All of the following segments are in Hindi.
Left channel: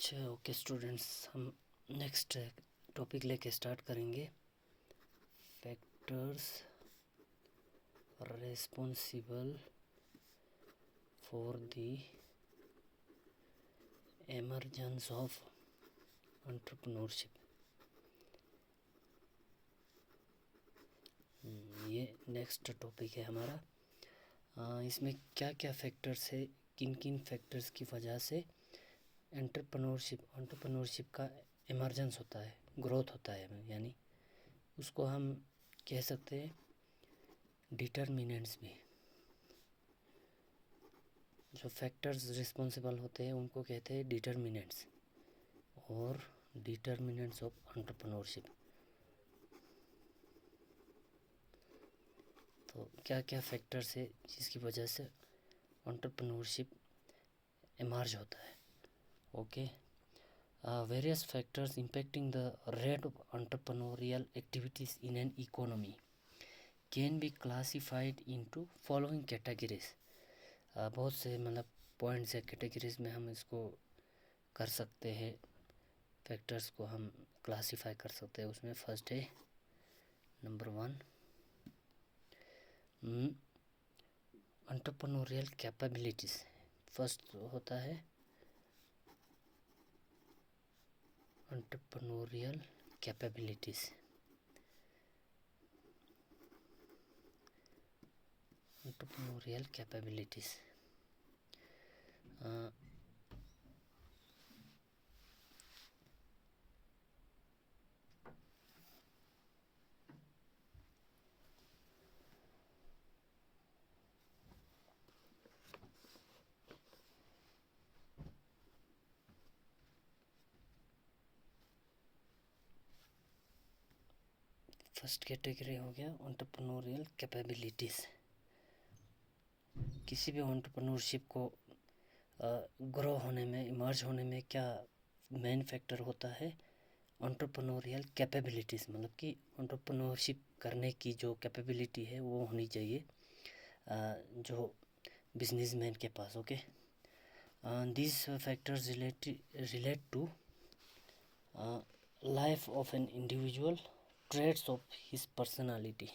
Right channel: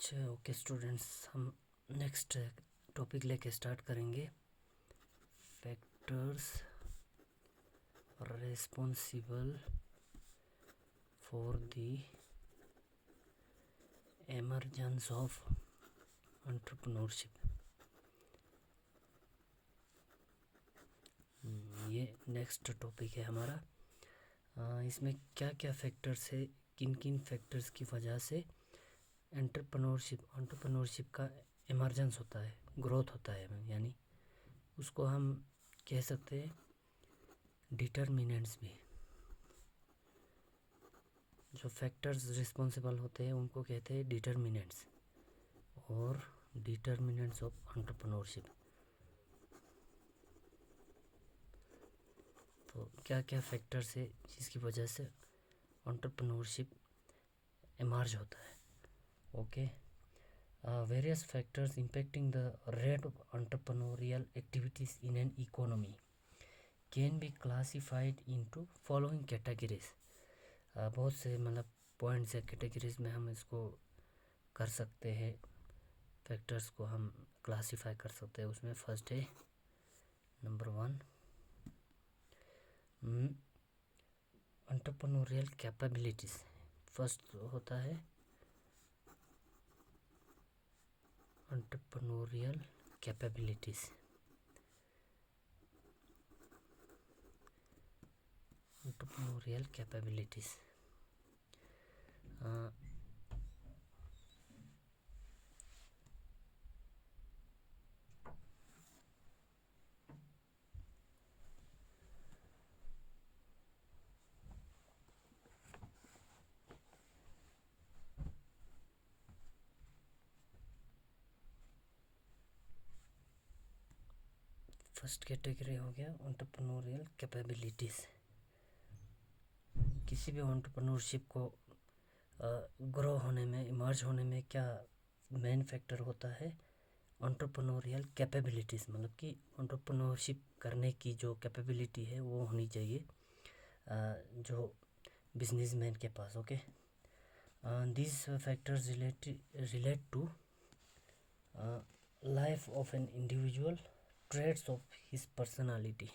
अच्छा ओके स्टूडेंट्स, हम नेक्स्ट टॉपिक लेके स्टार्ट करेंगे। Factors responsible for the emergence of entrepreneurship. ये नेक्स्ट टॉपिक है हमारा। इसमें क्या क्या फैक्टर्स है, किन किन फैक्टर्स की वजह से एंटरप्रेन्योरशिप का इमर्जेंस होता है, ग्रोथ होता है, यानी उसको हम कह सकते हैं डिटर्मिनेंट्स भी। जो फैक्टर्स रिस्पॉन्सिबल होते हैं उनको कहते हैं डिटर्मिनेंट्स और डिटर्मिनेंट्स ऑफ एंटरप्रेन्योरशिप। तो क्या क्या फैक्टर्स है जिसकी वजह से एंटरप्रेन्योरशिप इमर्ज होता है। Okay, various factors impacting the rate of entrepreneurial activities in an economy can be classified into following categories। बहुत से पॉइंट्स या कैटेगरीज में हम इसको कर सकते हैं, फैक्टर्स को हम क्लासीफाई कर सकते हैं। उसमें फर्स्ट है नंबर 1 एंटरप्रेन्योरियल कैपेबिलिटीज। फर्स्ट होता है entrepreneurial capabilities. Entrepreneurial capabilities first category हो गया एंटरप्रेन्योरियल कैपेबिलिटीज़। किसी भी एंटरप्रेन्योरशिप को ग्रो होने में, इमर्ज होने में क्या मेन फैक्टर होता है? एंटरप्रेन्योरियल कैपेबिलिटीज़, मतलब कि एंटरप्रेन्योरशिप करने की जो कैपेबिलिटी है वो होनी चाहिए जो बिजनेसमैन के पास। Okay, this factors relate to life of an individual, traits of his personality.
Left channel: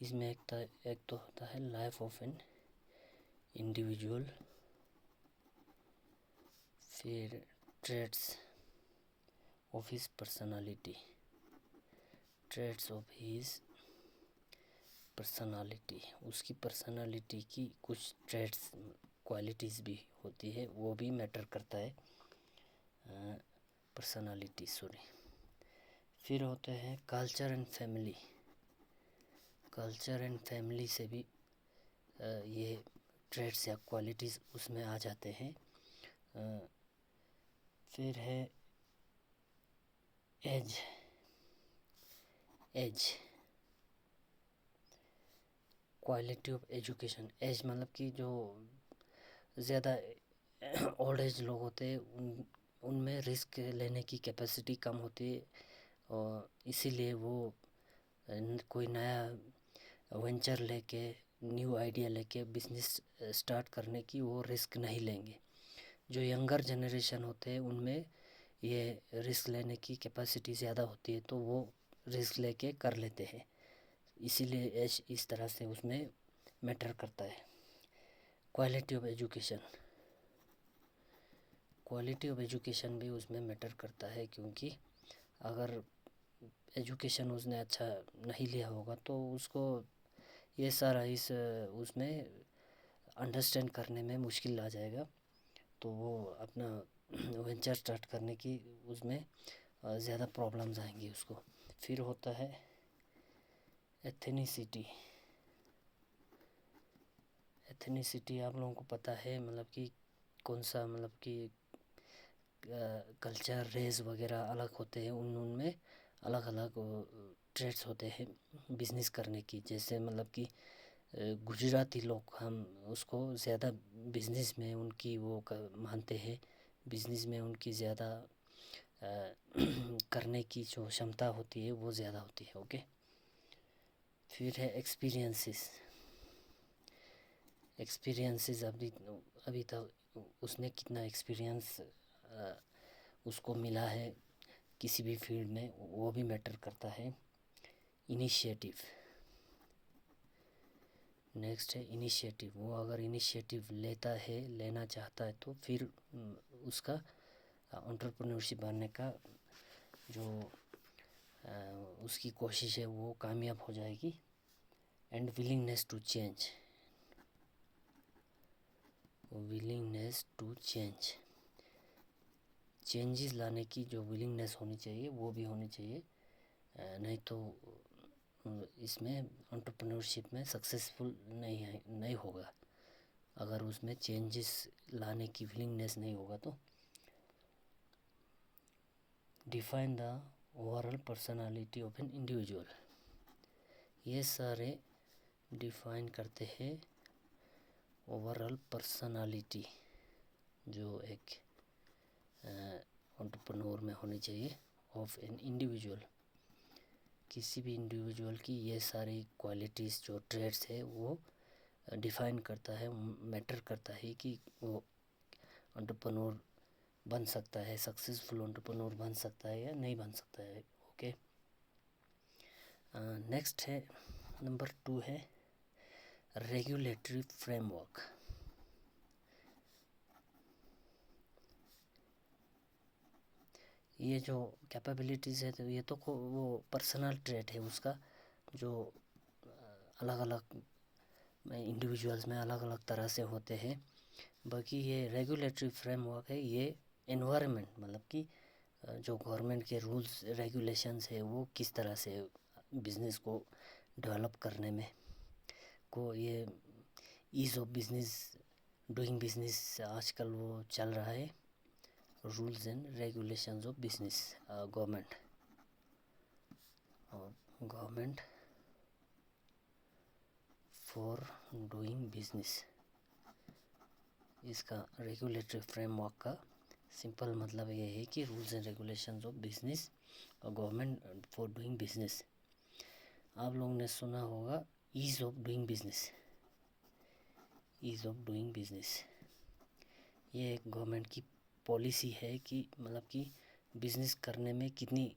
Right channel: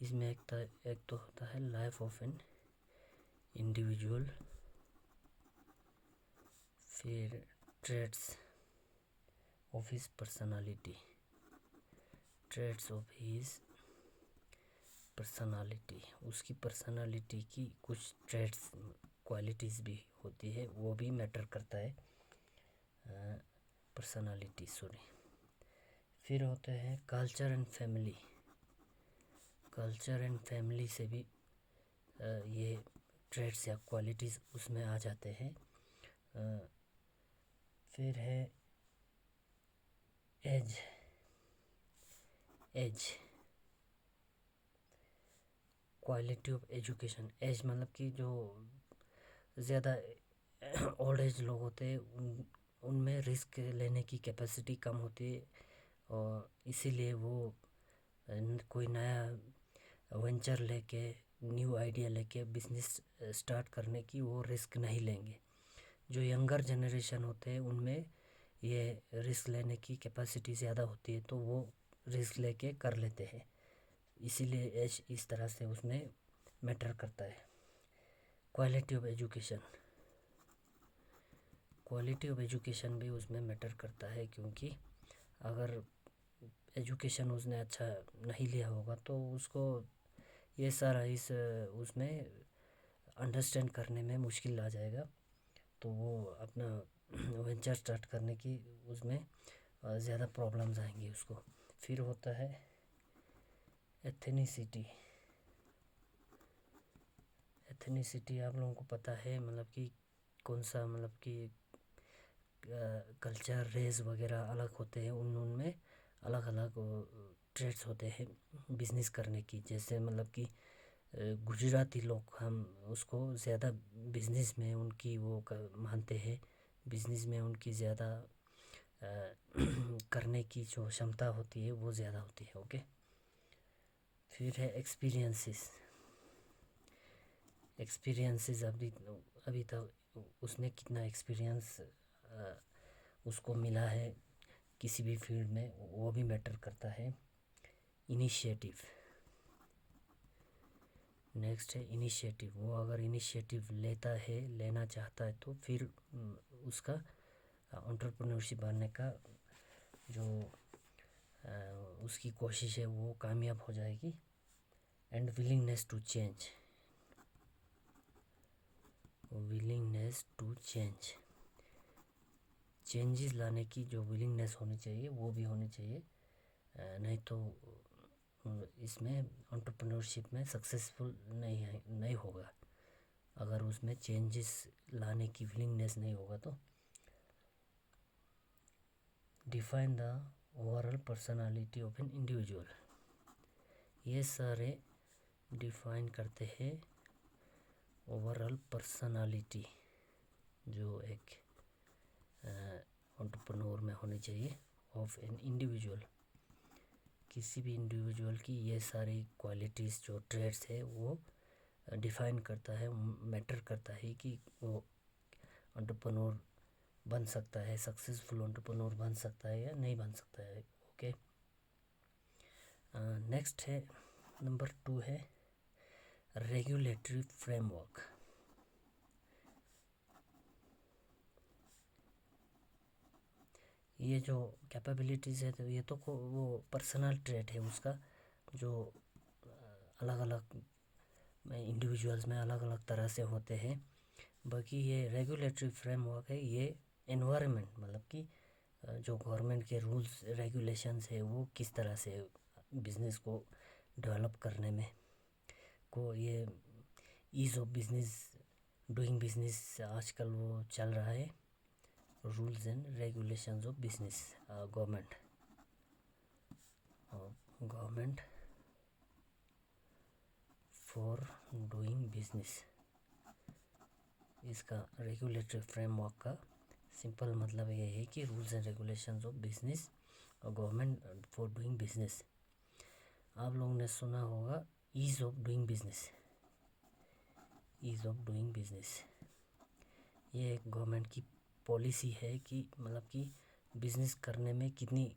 इसमें एक तो होता है लाइफ ऑफ एन इंडिविजुअल, फिर traits of his personality, traits of his personality, उसकी पर्सनालिटी की कुछ ट्रेड्स, क्वालिटीज़ भी होती है, वो भी मैटर करता है पर्सनालिटी। सॉरी। फिर होते हैं culture and family. Culture and family से भी ये ट्रेड्स या क्वालिटीज़ उसमें आ जाते हैं। फिर है age. Quality of education. Age मतलब कि जो ज़्यादा ओल्ड एज लोग होते हैं उनमें रिस्क लेने की कैपेसिटी कम होती है, और इसीलिए वो कोई नया वेंचर लेके, न्यू आइडिया लेके बिजनेस स्टार्ट करने की वो रिस्क नहीं लेंगे। जो यंगर जनरेशन होते हैं उनमें ये रिस्क लेने की कैपेसिटी ज़्यादा होती है, तो वो रिस्क लेके कर लेते हैं, इसीलिए एज इस तरह से उसमें मैटर करता है। Quality of education. Quality of education भी उसमें मैटर करता है, क्योंकि अगर एजुकेशन उसने अच्छा नहीं लिया होगा तो उसको ये सारा इस उसमें अंडरस्टैंड करने में मुश्किल आ जाएगा, तो वो अपना वेंचर स्टार्ट करने की उसमें ज़्यादा प्रॉब्लम्स आएंगी उसको। फिर होता है एथनिसिटी। एथनिसिटी आप लोगों को पता है, मतलब कि कौन सा, मतलब कि कल्चर, रेस वगैरह अलग होते हैं, उनमें अलग अलग ट्रेड्स होते हैं बिजनेस करने की। जैसे मतलब कि गुजराती लोग, हम उसको ज़्यादा बिजनेस में उनकी वो मानते हैं, बिजनेस में उनकी ज़्यादा करने की जो क्षमता होती है वो ज़्यादा होती है। ओके, फिर है एक्सपीरियंसेस। अभी तक उसने कितना एक्सपीरियंस उसको मिला है किसी भी फील्ड में, वो भी मैटर करता है। इनिशिएटिव, नेक्स्ट है इनिशिएटिव। वो अगर इनिशिएटिव लेना चाहता है तो फिर उसका एंटरप्रेन्योरशिप बनने का जो उसकी कोशिश है वो कामयाब हो जाएगी। And willingness to change, willingness to change, changes लाने की जो विलिंगनेस होनी चाहिए वो भी होनी चाहिए। नहीं तो इसमें एंटरप्रेन्योरशिप में सक्सेसफुल नहीं होगा। अगर उसमें चेंजेस लाने की विलिंगनेस नहीं होगा तो। Define the overall personality of an individual, ये सारे डिफाइन करते हैं ओवरऑल पर्सनालिटी जो एक एंटरप्रेन्योर में होनी चाहिए ऑफ एन इंडिविजुअल। किसी भी इंडिविजुअल की ये सारी क्वालिटीज़ जो ट्रेड्स है वो डिफाइन करता है, मैटर करता है कि वो एंटरप्रेन्योर बन सकता है, सक्सेसफुल एंटरप्रेन्योर बन सकता है या नहीं बन सकता है। ओके, नेक्स्ट है नंबर 2 है रेगुलेटरी फ्रेमवर्क। ये जो कैपेबिलिटीज़ है तो ये तो वो पर्सनल ट्रेट है उसका, जो अलग अलग इंडिविजुअल्स में अलग अलग तरह से होते हैं। बाकी ये रेगुलेटरी फ्रेमवर्क है, ये एनवायरनमेंट मतलब कि जो गवर्नमेंट के रूल्स रेगुलेशंस है वो किस तरह से बिज़नेस को डेवलप करने में को, ये ease of business, doing business आजकल वो चल रहा है, rules and regulations of business government for doing business. इसका रेगुलेटरी फ्रेमवर्क का सिंपल मतलब ये है कि rules and regulations of business और गवर्नमेंट फॉर डूइंग बिजनेस। आप लोगों ने सुना होगा ease of doing business, ease of doing business ये एक गवर्नमेंट की पॉलिसी है कि मतलब कि बिज़नेस करने में कितनी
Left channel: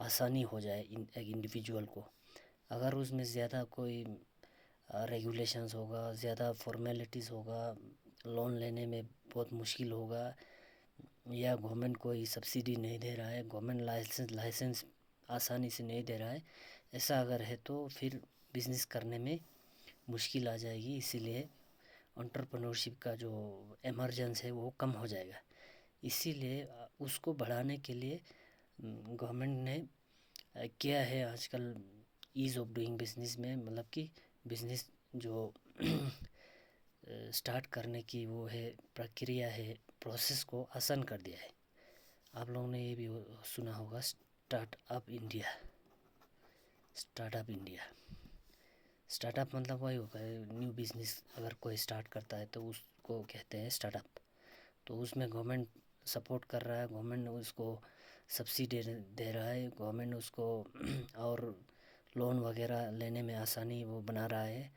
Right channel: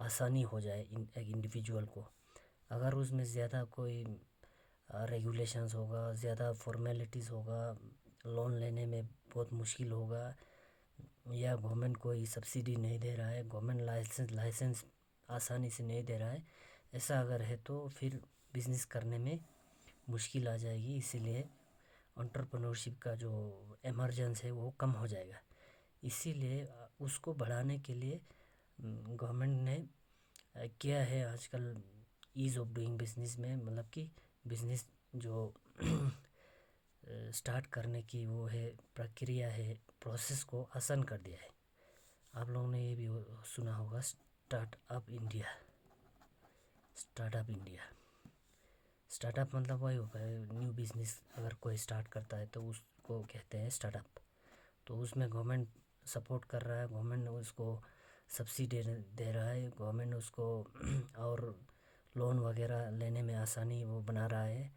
आसानी हो जाए एक इंडिविजुअल को। अगर उसमें ज़्यादा कोई रेगुलेशंस होगा, ज़्यादा फॉर्मेलिटीज़ होगा, लोन लेने में बहुत मुश्किल होगा, या गवर्नमेंट कोई सब्सिडी नहीं दे रहा है, गवर्नमेंट लाइसेंस आसानी से नहीं दे रहा है, ऐसा अगर है तो फिर बिज़नेस करने में मुश्किल आ जाएगी। इसीलिए एंटरप्रेन्योरशिप का जो इमरजेंस है वो कम हो जाएगा। इसीलिए उसको बढ़ाने के लिए गवर्नमेंट ने किया है आजकल ईज़ ऑफ डूइंग बिजनेस में, मतलब कि बिज़नेस जो स्टार्ट करने की वो है प्रक्रिया है, प्रोसेस को आसान कर दिया है। आप लोगों ने ये भी सुना होगा startup India, startup India. Startup मतलब वही होगा, न्यू बिज़नेस अगर कोई स्टार्ट करता है तो उसको कहते हैं स्टार्टअप। तो उसमें गवर्नमेंट सपोर्ट कर रहा है, गवर्नमेंट उसको सब्सिडी दे रहा है, गवर्नमेंट उसको और लोन वगैरह लेने में आसानी वो बना रहा है।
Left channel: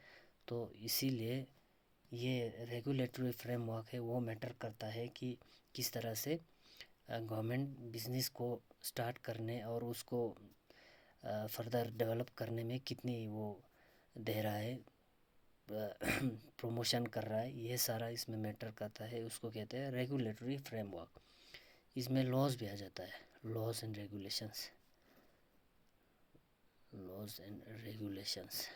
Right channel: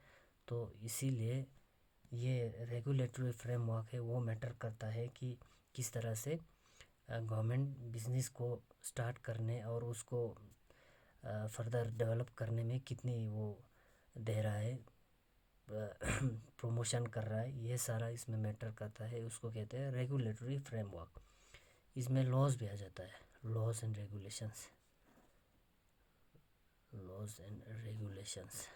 तो इसीलिए ये रेगुलेटरी फ्रेमवर्क है वो मैटर करता है कि किस तरह से गवर्नमेंट बिज़नेस को स्टार्ट करने और उसको फर्दर डेवलप करने में कितनी वो दे रहा है, प्रमोशन कर रहा है, ये सारा इसमें मैटर करता है। उसको कहते हैं रेगुलेटरी फ्रेमवर्क। इसमें लॉज भी आ जाता है, laws and regulations, laws and regulations.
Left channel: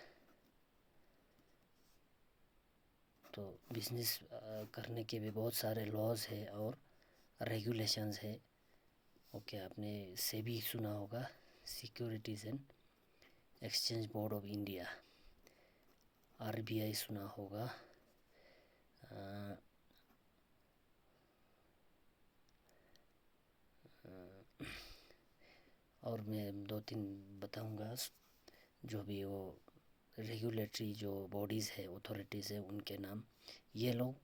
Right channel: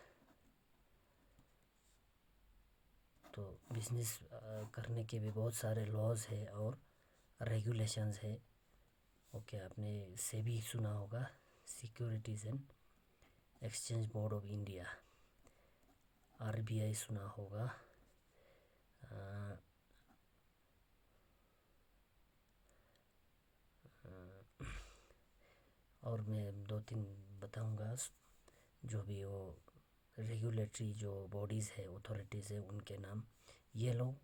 तो बिज़नेस करने के भी बहुत सारे लॉज है और रेगुलेशंस है। ओके, आपने सेबी सुना होगा, securities and exchange board of India, RBI सुना होगा, और मैं 2-3 बताऊंगा जो भी वो रेगुलेटरी जो बॉडीज़ है, अथॉरिटीज़ है, उनके नाम। ये लोग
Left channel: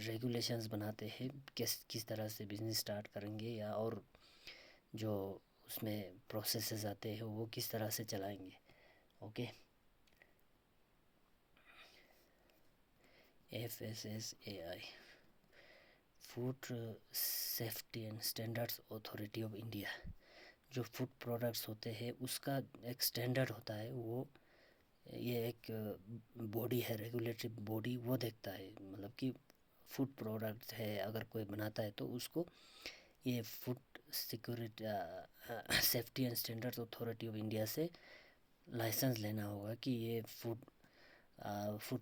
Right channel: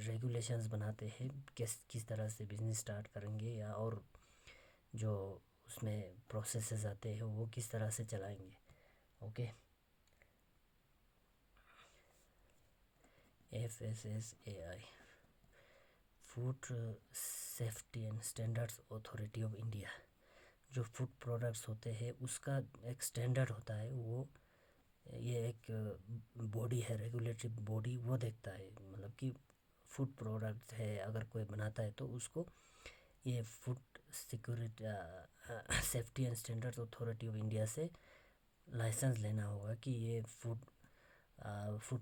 रेगुलेशंस बनाते हैं किस तरह से बिज़नेस स्टार्ट करेंगे, या और जो उसमें प्रोसेसेस आते हैं वो किस तरह से चलाएंगे। Okay, FSSAI, food safety and standards authority of India, जो फूड प्रोडक्ट्स होते हैं उसका एक स्टैंडर्ड होता है, वो ये एक बॉडी है, रेगुलेटरी बॉडी, वो देखता है मतलब कि फूड प्रोडक्ट है अगर कोई बनाता है तो उसको ये food security safety and standards authority of India से लाइसेंस लेना होगा कि ये फूड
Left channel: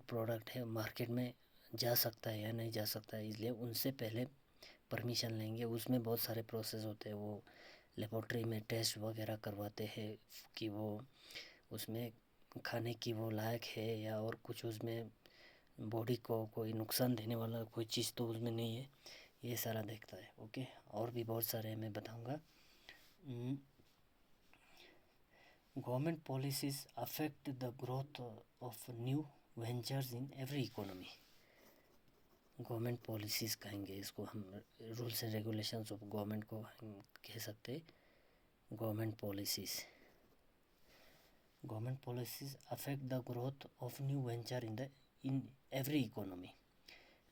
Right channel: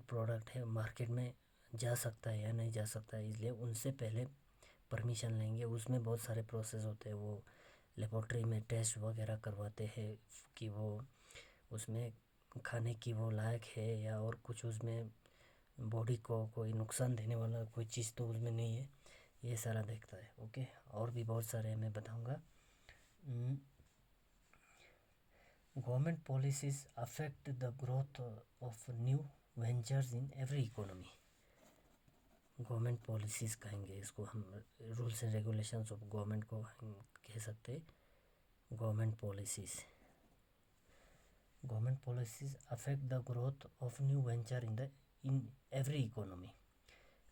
प्रोडक्ट है मार्केट में जा सकता है या नहीं जा सकता है, इसलिए उनसे पहले परमिशन लेंगे। उसमें बहुत सारे प्रोसेस होते हैं, वो लेबोरेटरी में टेस्ट वगैरह करवाते हैं कि वो उसमें खाने की वो लायक है या और कुछ उसमें बॉडी को कोई नुकसान देने वाला कोई चीज़ तो उसमें नहीं है, ये सारा देखता है। ओके, और भी बहुत सारे मैं बताऊंगा। Government policies affect the growth of new ventures in every economy. Government policies कहेंगे इसको हम, rules and regulations of government को हम कह सकते हैं government policies. Government policies affect the growth of new venture in every economy.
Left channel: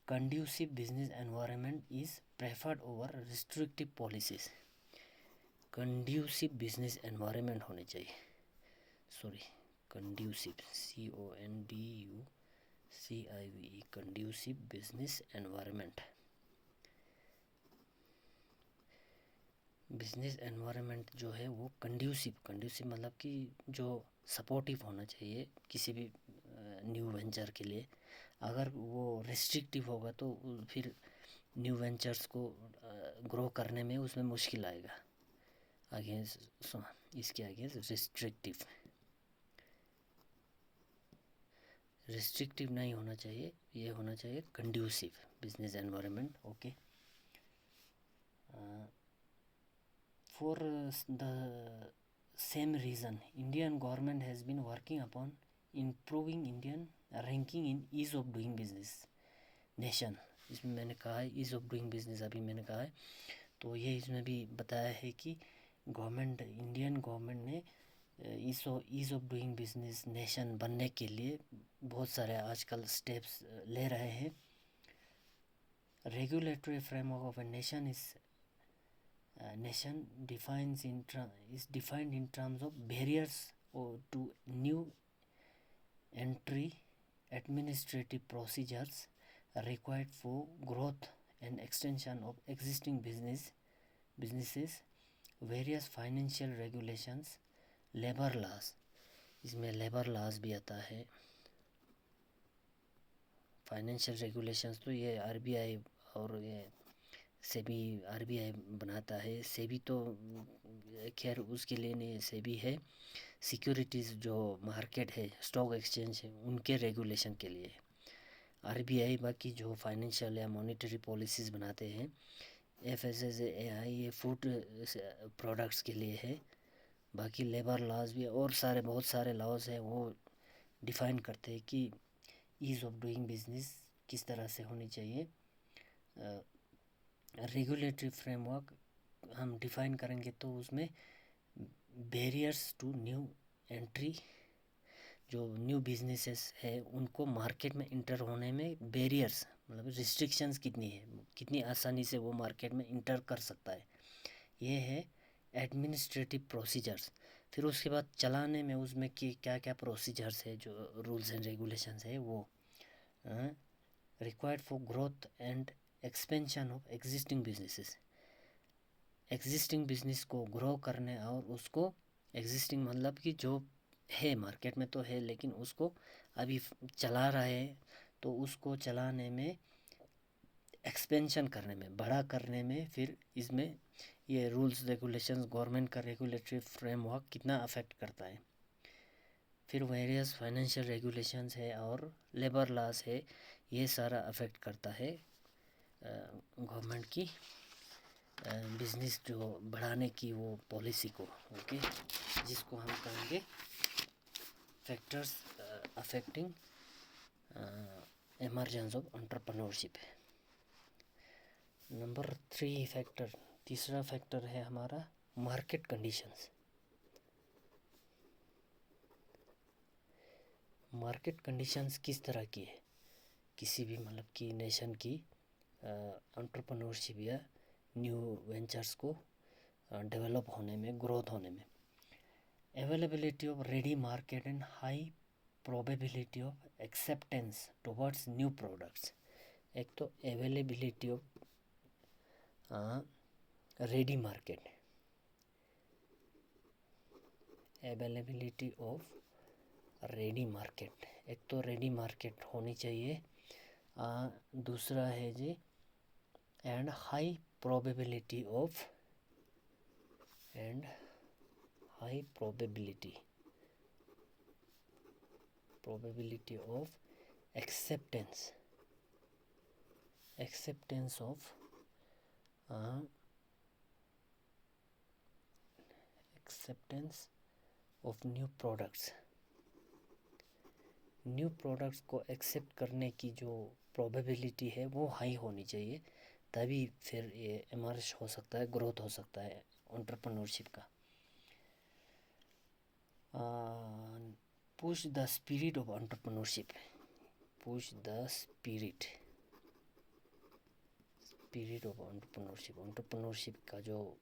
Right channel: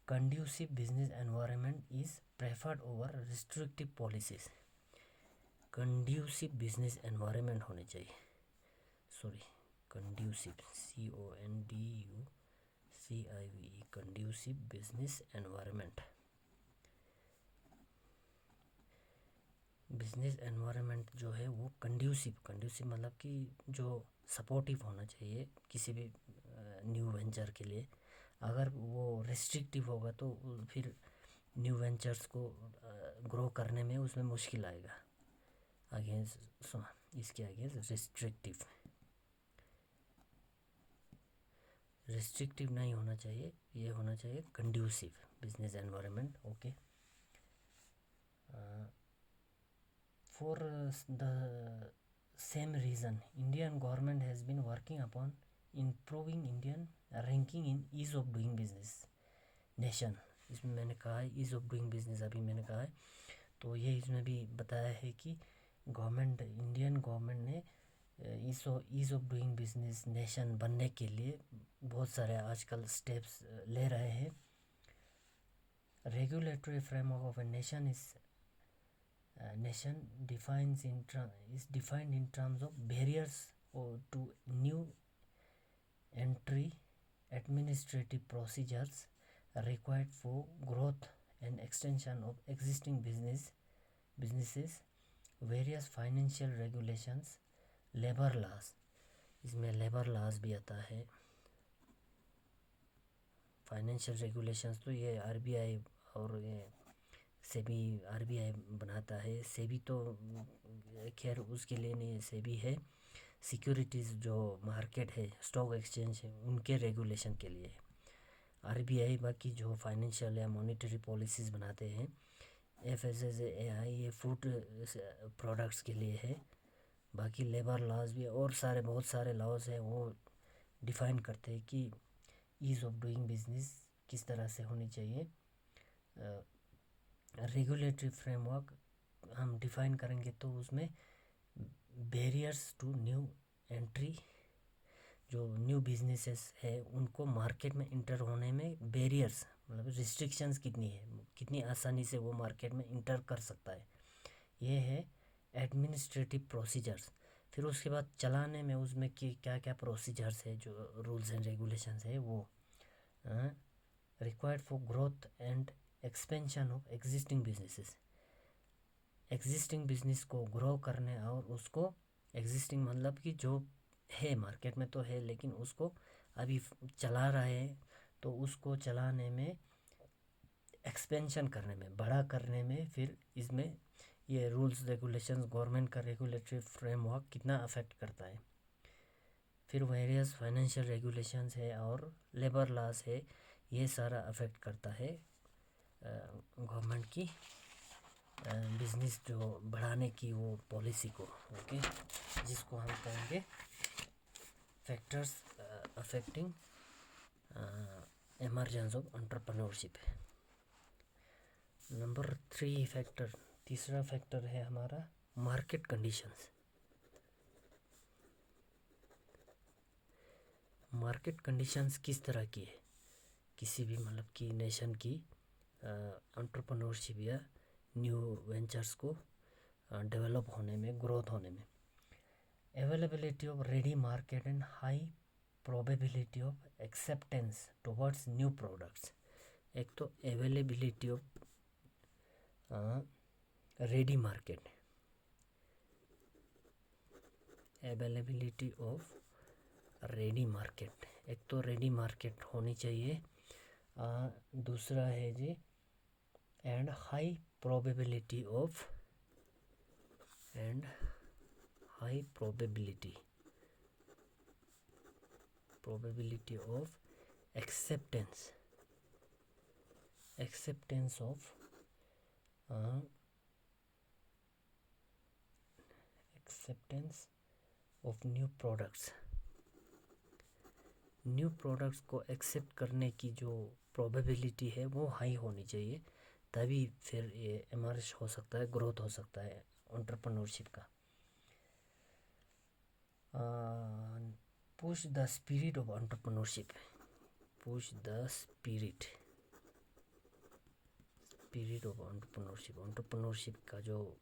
Conducive business environment is preferred over restrictive policies. Conducive business environment होने चाहिए, sorry conducive, CONDUCIVE, conducive business environment. Business environment जो है वो कंड्यूसिव मतलब कि जो सपोर्टिव होना चाहिए किसी भी न्यू वेंचर के लिए। अगर वो रिस्ट्रिक्टिव होगा तो फिर न्यू वेंचर्स को ग्रो करने में उसमें मुश्किल आएगा। अगेंस्ट इसके अगेंस्ट रिस्ट्रिक्टिव नहीं होना चाहिए, ये होना चाहिए conducive business environment. Okay, for the same reason Indian government has been working upon improving Indian ranking in ease of doing business nation। इसमें मैंने कहा है ईज़ ऑफ डूइंग बिजनेस, अभी मैंने कहा है, तो ये इसमें भी बताया है कि इंडियन गवर्नमेंट ने ease of doing business nation बनने के लिए बहुत सारे आजकल स्टेप्स ले रहे हैं। Regulatory framework of a nation is is defined in terms of barriers to new entry, administrative procedures required for growth and extension of existing businesses, various financial regulations, labor laws। इसमें लेबर लॉज भी आता है। फाइनेंशियल रेगुलेशंस तो ये आरबीआई और ये सेबी, आरबीआई बनाता है। सेबी तो खैर उसके लिए नहीं, सेबी है सिक्योरिटीज़ जो मार्केट है, स्टॉक एक्सचेंज है, उनके रेगुलेशन के लिए। आरबीआई बाकी जो फाइनेंशियल या मॉनेटरी पॉलिसीज़ बनाते हैं। एफएसएसएआई ये फूड प्रोडक्ट्स के लिए है। बाकी लेबर लॉज भी और सारे बहुत सारे लॉज हैं, वो डिफ़ाइन करते हैं कि ईज़ ऑफ डूइंग बिजनेस किस तरह से होनी चाहिए। रेगुलेटरी फ्रेमवर्क हम डिफ़ाइन करेंगे तो उसमें बैरियर्स टू न्यू एंट्री, जो न्यू बिजनेसेस है उनको मार्केट में इंटर होने में बैरियर्स मतलब रिस्ट्रिक्शंस कितनी है, कितनी आसानी से वो मार्केट में इंटर कर सकता है, ये है एडमिनिस्ट्रेटिव प्रोसीजर्स। फिर उसके बाद चलाने में उसमें कि क्या क्या प्रोसीजर्स है, जो रूल्स एंड रेगुलेशंस है वो required for growth and expansion of existing businesses. Existing business को ग्रो करने और उसको एग्जिस्टिंग मतलब कि जो है मार्केट में तो है लेकिन उसको अभी चला रहे हैं, तो उसको चलाने में, एक्सपेंशन करने में, बड़ा करने में, फिर इसमें ये रूल्स रेगुलेशंस गवर्नमेंट का रेगुलेटरी फ्रेमवर्क कितना अफेक्ट करता है। फिर वेरियस फाइनेंशियल रेगुलेशंस है और लेबर लॉस है, ये सारा अफेक्ट करता है गवर्नमेंट की बिजनेस जो बढ़ाने की वो पॉलिसी को। ओके, जिसको हम कहेंगे factors affecting emergence of entrepreneurship. Number 3 factor, तीसरा फैक्टर है हमारा मार्केट कंडीशंस। मार्केट कंडीशंस किस तरह की है किसी भी मतलब की नेशन की एंटरप्रेन्योरशिप या न्यू वेंचर्स को डेवलप होने में, ग्रोथ होने में। Availability of ready market and high probability of acceptance towards new products. एक तो availability of ready market, availability of ready market, एक तो रेडी मार्केट होनी चाहिए। दूसरा है जी and high probability of, and high probability of acceptance, acceptance of acceptance of new products. New products को एक्सेप्ट करने की जो प्रोबेबिलिटी है वो हाई होनी चाहिए, तभी फिर ये इमर्ज हो सकता है, ग्रोथ हो सकता है एंटरप्रेन्योरशिप का। Push the spirit of entrepreneurship, push the spirit of entrepreneurship, entrepreneurship का जो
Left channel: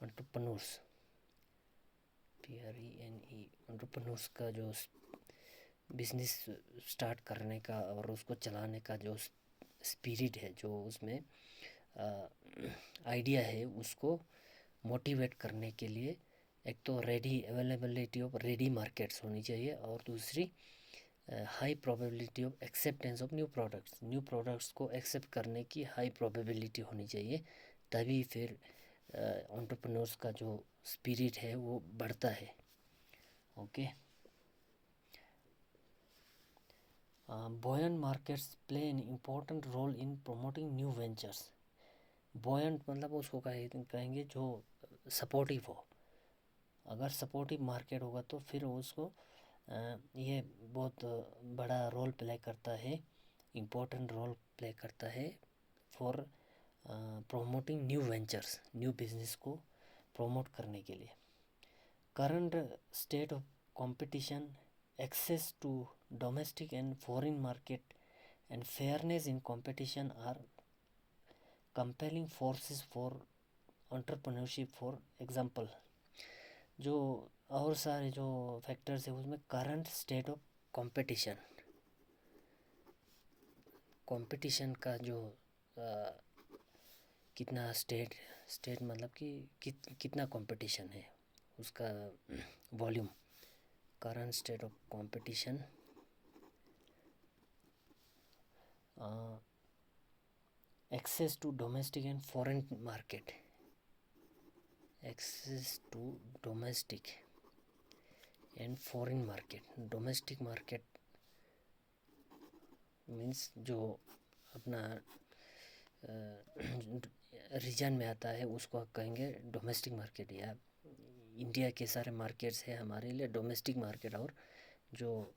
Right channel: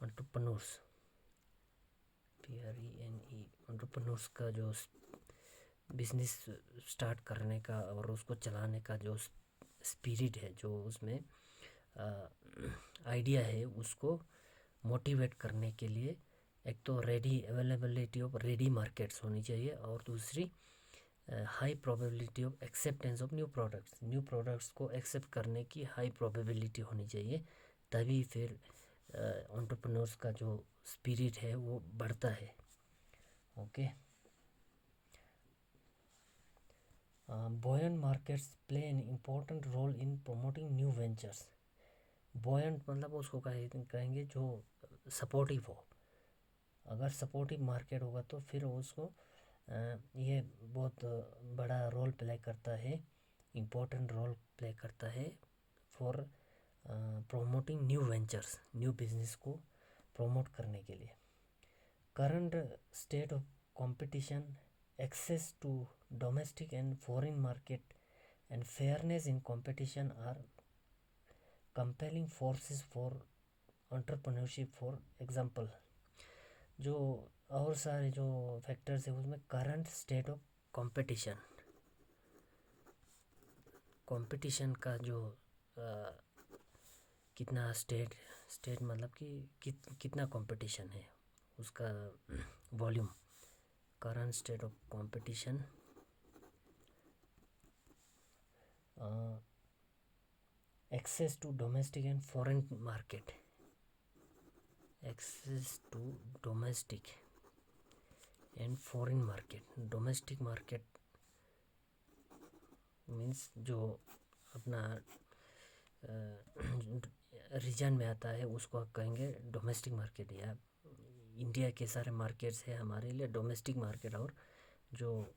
एंटरप्रेन्योर्स, PRENE, एंटरप्रेन्योर्स का जो बिजनेस स्टार्ट करने का और उसको चलाने का जो स्पिरिट है, जो उसमें आइडिया है, उसको मोटिवेट करने के लिए एक तो ready availability of ready markets होनी चाहिए, और दूसरी high probability of acceptance of new products, new products को एक्सेप्ट करने की हाई प्रोबेबिलिटी होनी चाहिए, तभी फिर एंटरप्रेन्योर्स का जो स्पिरिट है वो बढ़ता है। Okay. Buoyant markets play an important role in promoting new ventures. Buoyant मतलब उसको कहेंगे जो सपोर्टिव हो। अगर सपोर्टिव मार्केट होगा तो फिर उसको ये बहुत बड़ा रोल प्ले करता है, इम्पोर्टेंट रोल प्ले करता है for promoting new ventures, new business को प्रमोट करने के लिए। Current state of competition, access to domestic and foreign market and fairness in competition are compelling forces for entrepreneurship. For example, जो और सारे जो फैक्टर्स है उसमें current state of competition, competition का जो कितना स्टेट मतलब कि कितना कंपटीशन है उसका volume, current state of competition, access to domestic and foreign market, access to domestic and foreign market. Domestic market means जो अपना रीजन में आता है उसको कहेंगे डोमेस्टिक मार्केट, या इंडिया के सारे मार्केट्स है हमारे लिए डोमेस्टिक मार्केट, और जो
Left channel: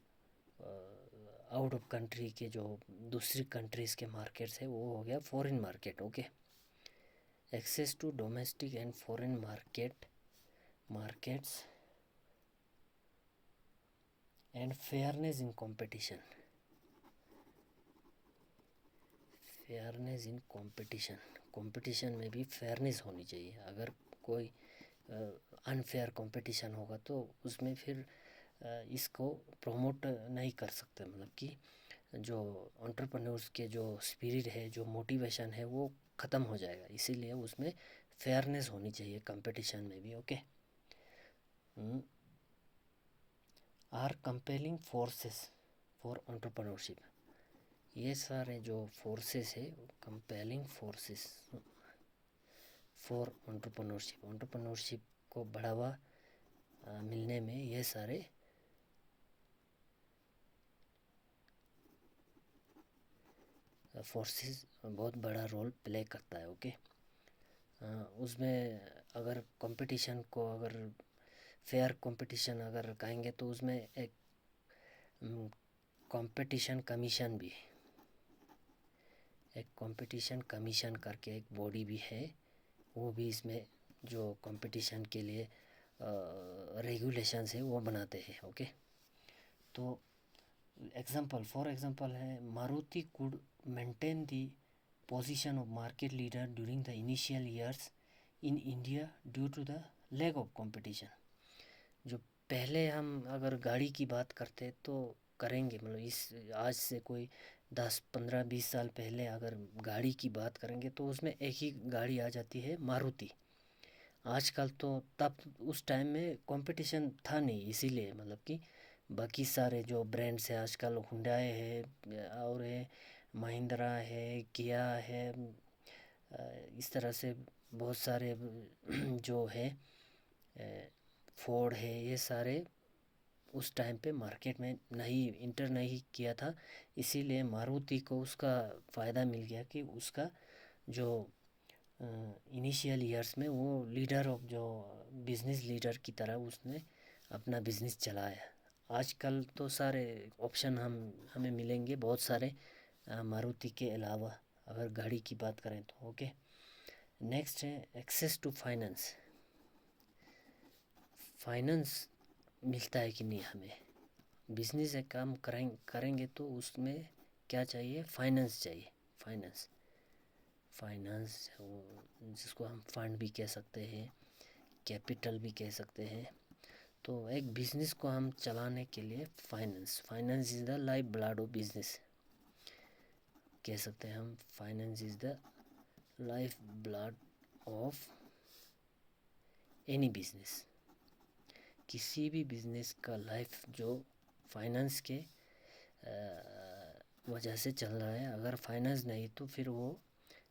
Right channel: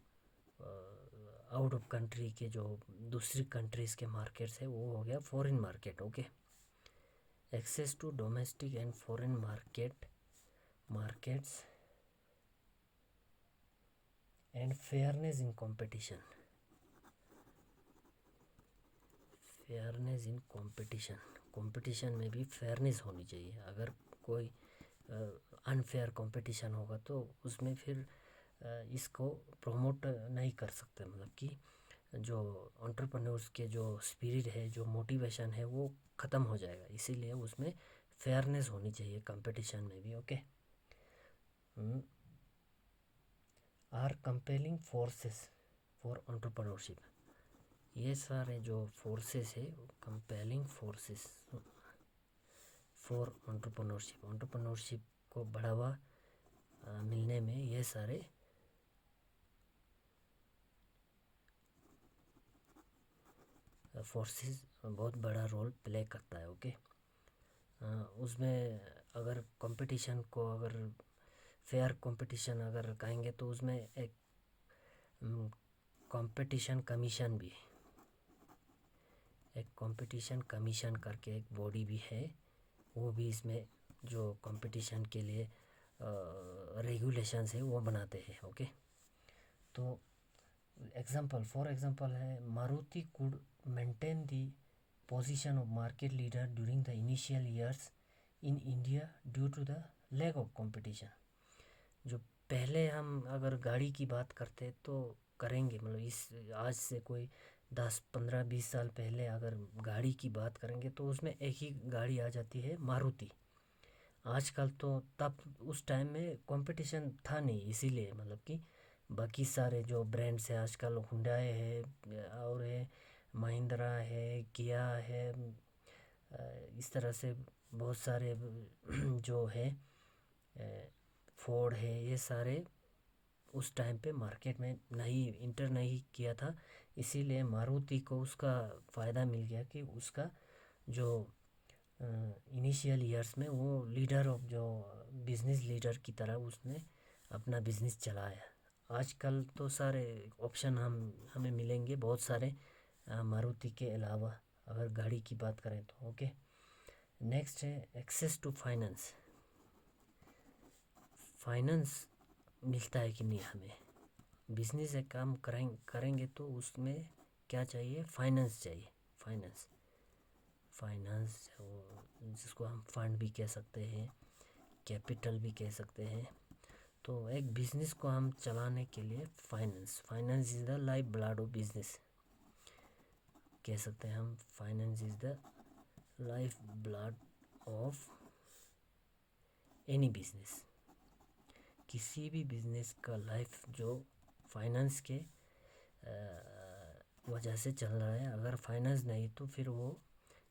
आउट ऑफ कंट्री के जो दूसरी कंट्रीज़ के मार्केट्स है वो हो गया foreign market. Okay. Access to domestic and foreign markets and fairness in competition, fairness in competition, competition में भी फेयरनेस होनी चाहिए। अगर कोई अनफेयर कंपटीशन होगा तो उसमें फिर इसको प्रमोट नहीं कर सकते, मतलब कि जो एंटरप्रेन्योर्स के जो स्पिरिट है, जो मोटिवेशन है वो ख़त्म हो जाएगा। इसीलिए उसमें फेयरनेस होनी चाहिए कंपटीशन में भी। Okay. Are compelling forces for entrepreneurship, ये सारे जो फोर्सेस है compelling forces for entrepreneurship, entrepreneurship को बढ़ावा मिलने में ये सारे फोर्सेस बहुत बड़ा रोल प्ले करता है। ओके। उसमें अगर कंपटीशन को अगर फेयर कंपटीशन अगर कहेंगे तो उसमें एक कंपटीशन कमीशन भी, एक कंपटीशन कमीशन करके एक बॉडी भी है, वो भी इसमें जो कंपटीशन के लिए रेगुलेशंस है वो बनाते हैं। ओके। तो फॉर एग्जांपल है, Maruti could maintain the position of market leader during the initial years in India due to the lack of competition. जो पहले हम अगर गाड़ी की बात करते तो करेंगे, मतलब इस आज से कोई 10 15 20 साल पहले अगर गाड़ी की बात करेंगे तो उसमें एक ही गाड़ी आ जाती है, मारुति। आजकल तो, तब उस टाइम में कंपटीशन था नहीं, इसीलिए मतलब कि बाकी सारे जो ब्रांड्स हैं आजकल, हुंडई है और है, महिंद्रा है, किया है, इस तरह से बहुत सारे जो है, फोर्ड है, ये सारे उस टाइम पे मार्केट में नहीं इंटर नहीं किया था। इसीलिए मारुति को उसका फ़ायदा मिल गया कि उसका जो इनिशियल ईयर्स में वो लीडर ऑफ जो बिज़नेस लीडर की तरह उसने अपना बिज़नेस चलाया। आजकल तो सारे ऑप्शन हमें मिलेंगे बहुत सारे मारुति के अलावा, अगर गाड़ी की बात करें तो। ओके, नेक्स्ट है एक्सेस टू फाइनेंस। फाइनेंस मिलता है कि नहीं हमें, बिजनेस एक काम करेंगे तो उसमें क्या चाहिए, फाइनेंस चाहिए। फाइनेंस जिसको हम फंड भी कह सकते हैं, कैपिटल भी कह सकते हैं। तो एक बिजनेस को हम चलाने के लिए finance is the life blood of business, कह सकते हैं हम। Finance is the life blood of any business. किसी भी बिजनेस का लाइफ जो फाइनेंस के वजह से चल रहा है, अगर फाइनेंस नहीं तो फिर वो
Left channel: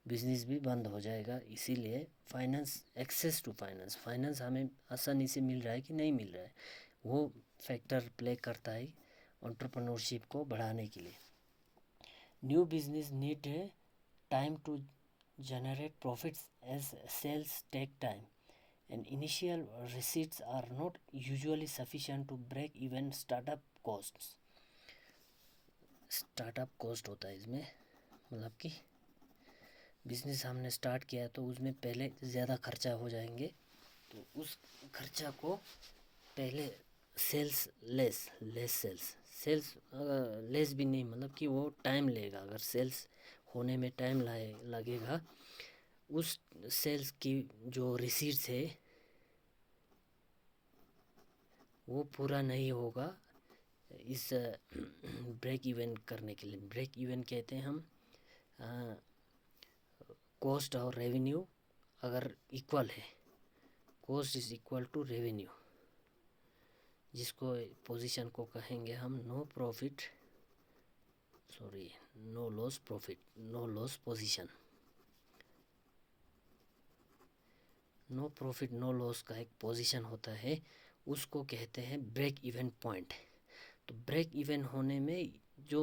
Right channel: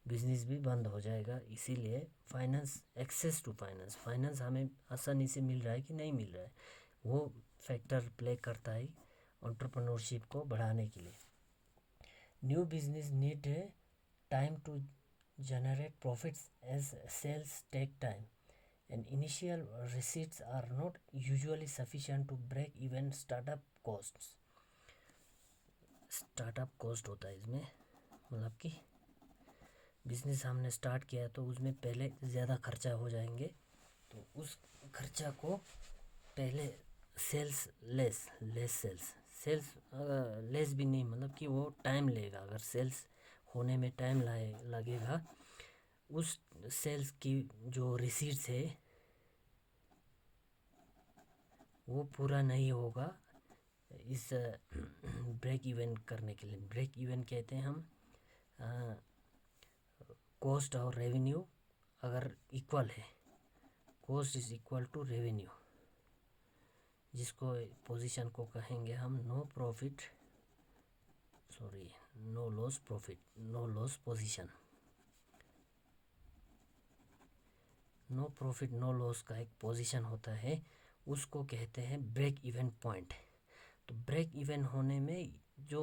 बिजनेस भी बंद हो जाएगा। इसीलिए फाइनेंस, एक्सेस टू फाइनेंस हमें आसानी से मिल रहा है कि नहीं मिल रहा है, वो फैक्टर प्ले करता है एंटरप्रेन्योरशिप को बढ़ाने के लिए। New business need a time to generate profits as sales take time and initial receipts are not usually sufficient to break even startup costs। Startup cost होता है इसमें, मतलब कि बिजनेस हमने स्टार्ट किया तो उसमें पहले ज़्यादा खर्चा हो जाएंगे, तो उस खर्चा को पहले सेल्स सेल्स लेस भी नहीं, मतलब कि वो टाइम लेगा। अगर सेल्स होने में टाइम लगेगा, उस सेल्स की जो रिसीट्स है वो पूरा नहीं होगा इस ब्रेक इवन करने के लिए। ब्रेक इवन कहते हैं हम कॉस्ट और रेवेन्यू अगर इक्वल है, cost is equal to revenue, जिसको पोजीशन को कहेंगे हम no loss profit, no loss position. No profit no loss का एक पोजीशन होता है, उसको कहते हैं ब्रेक इवन पॉइंट। तो ब्रेक इवन होने में जो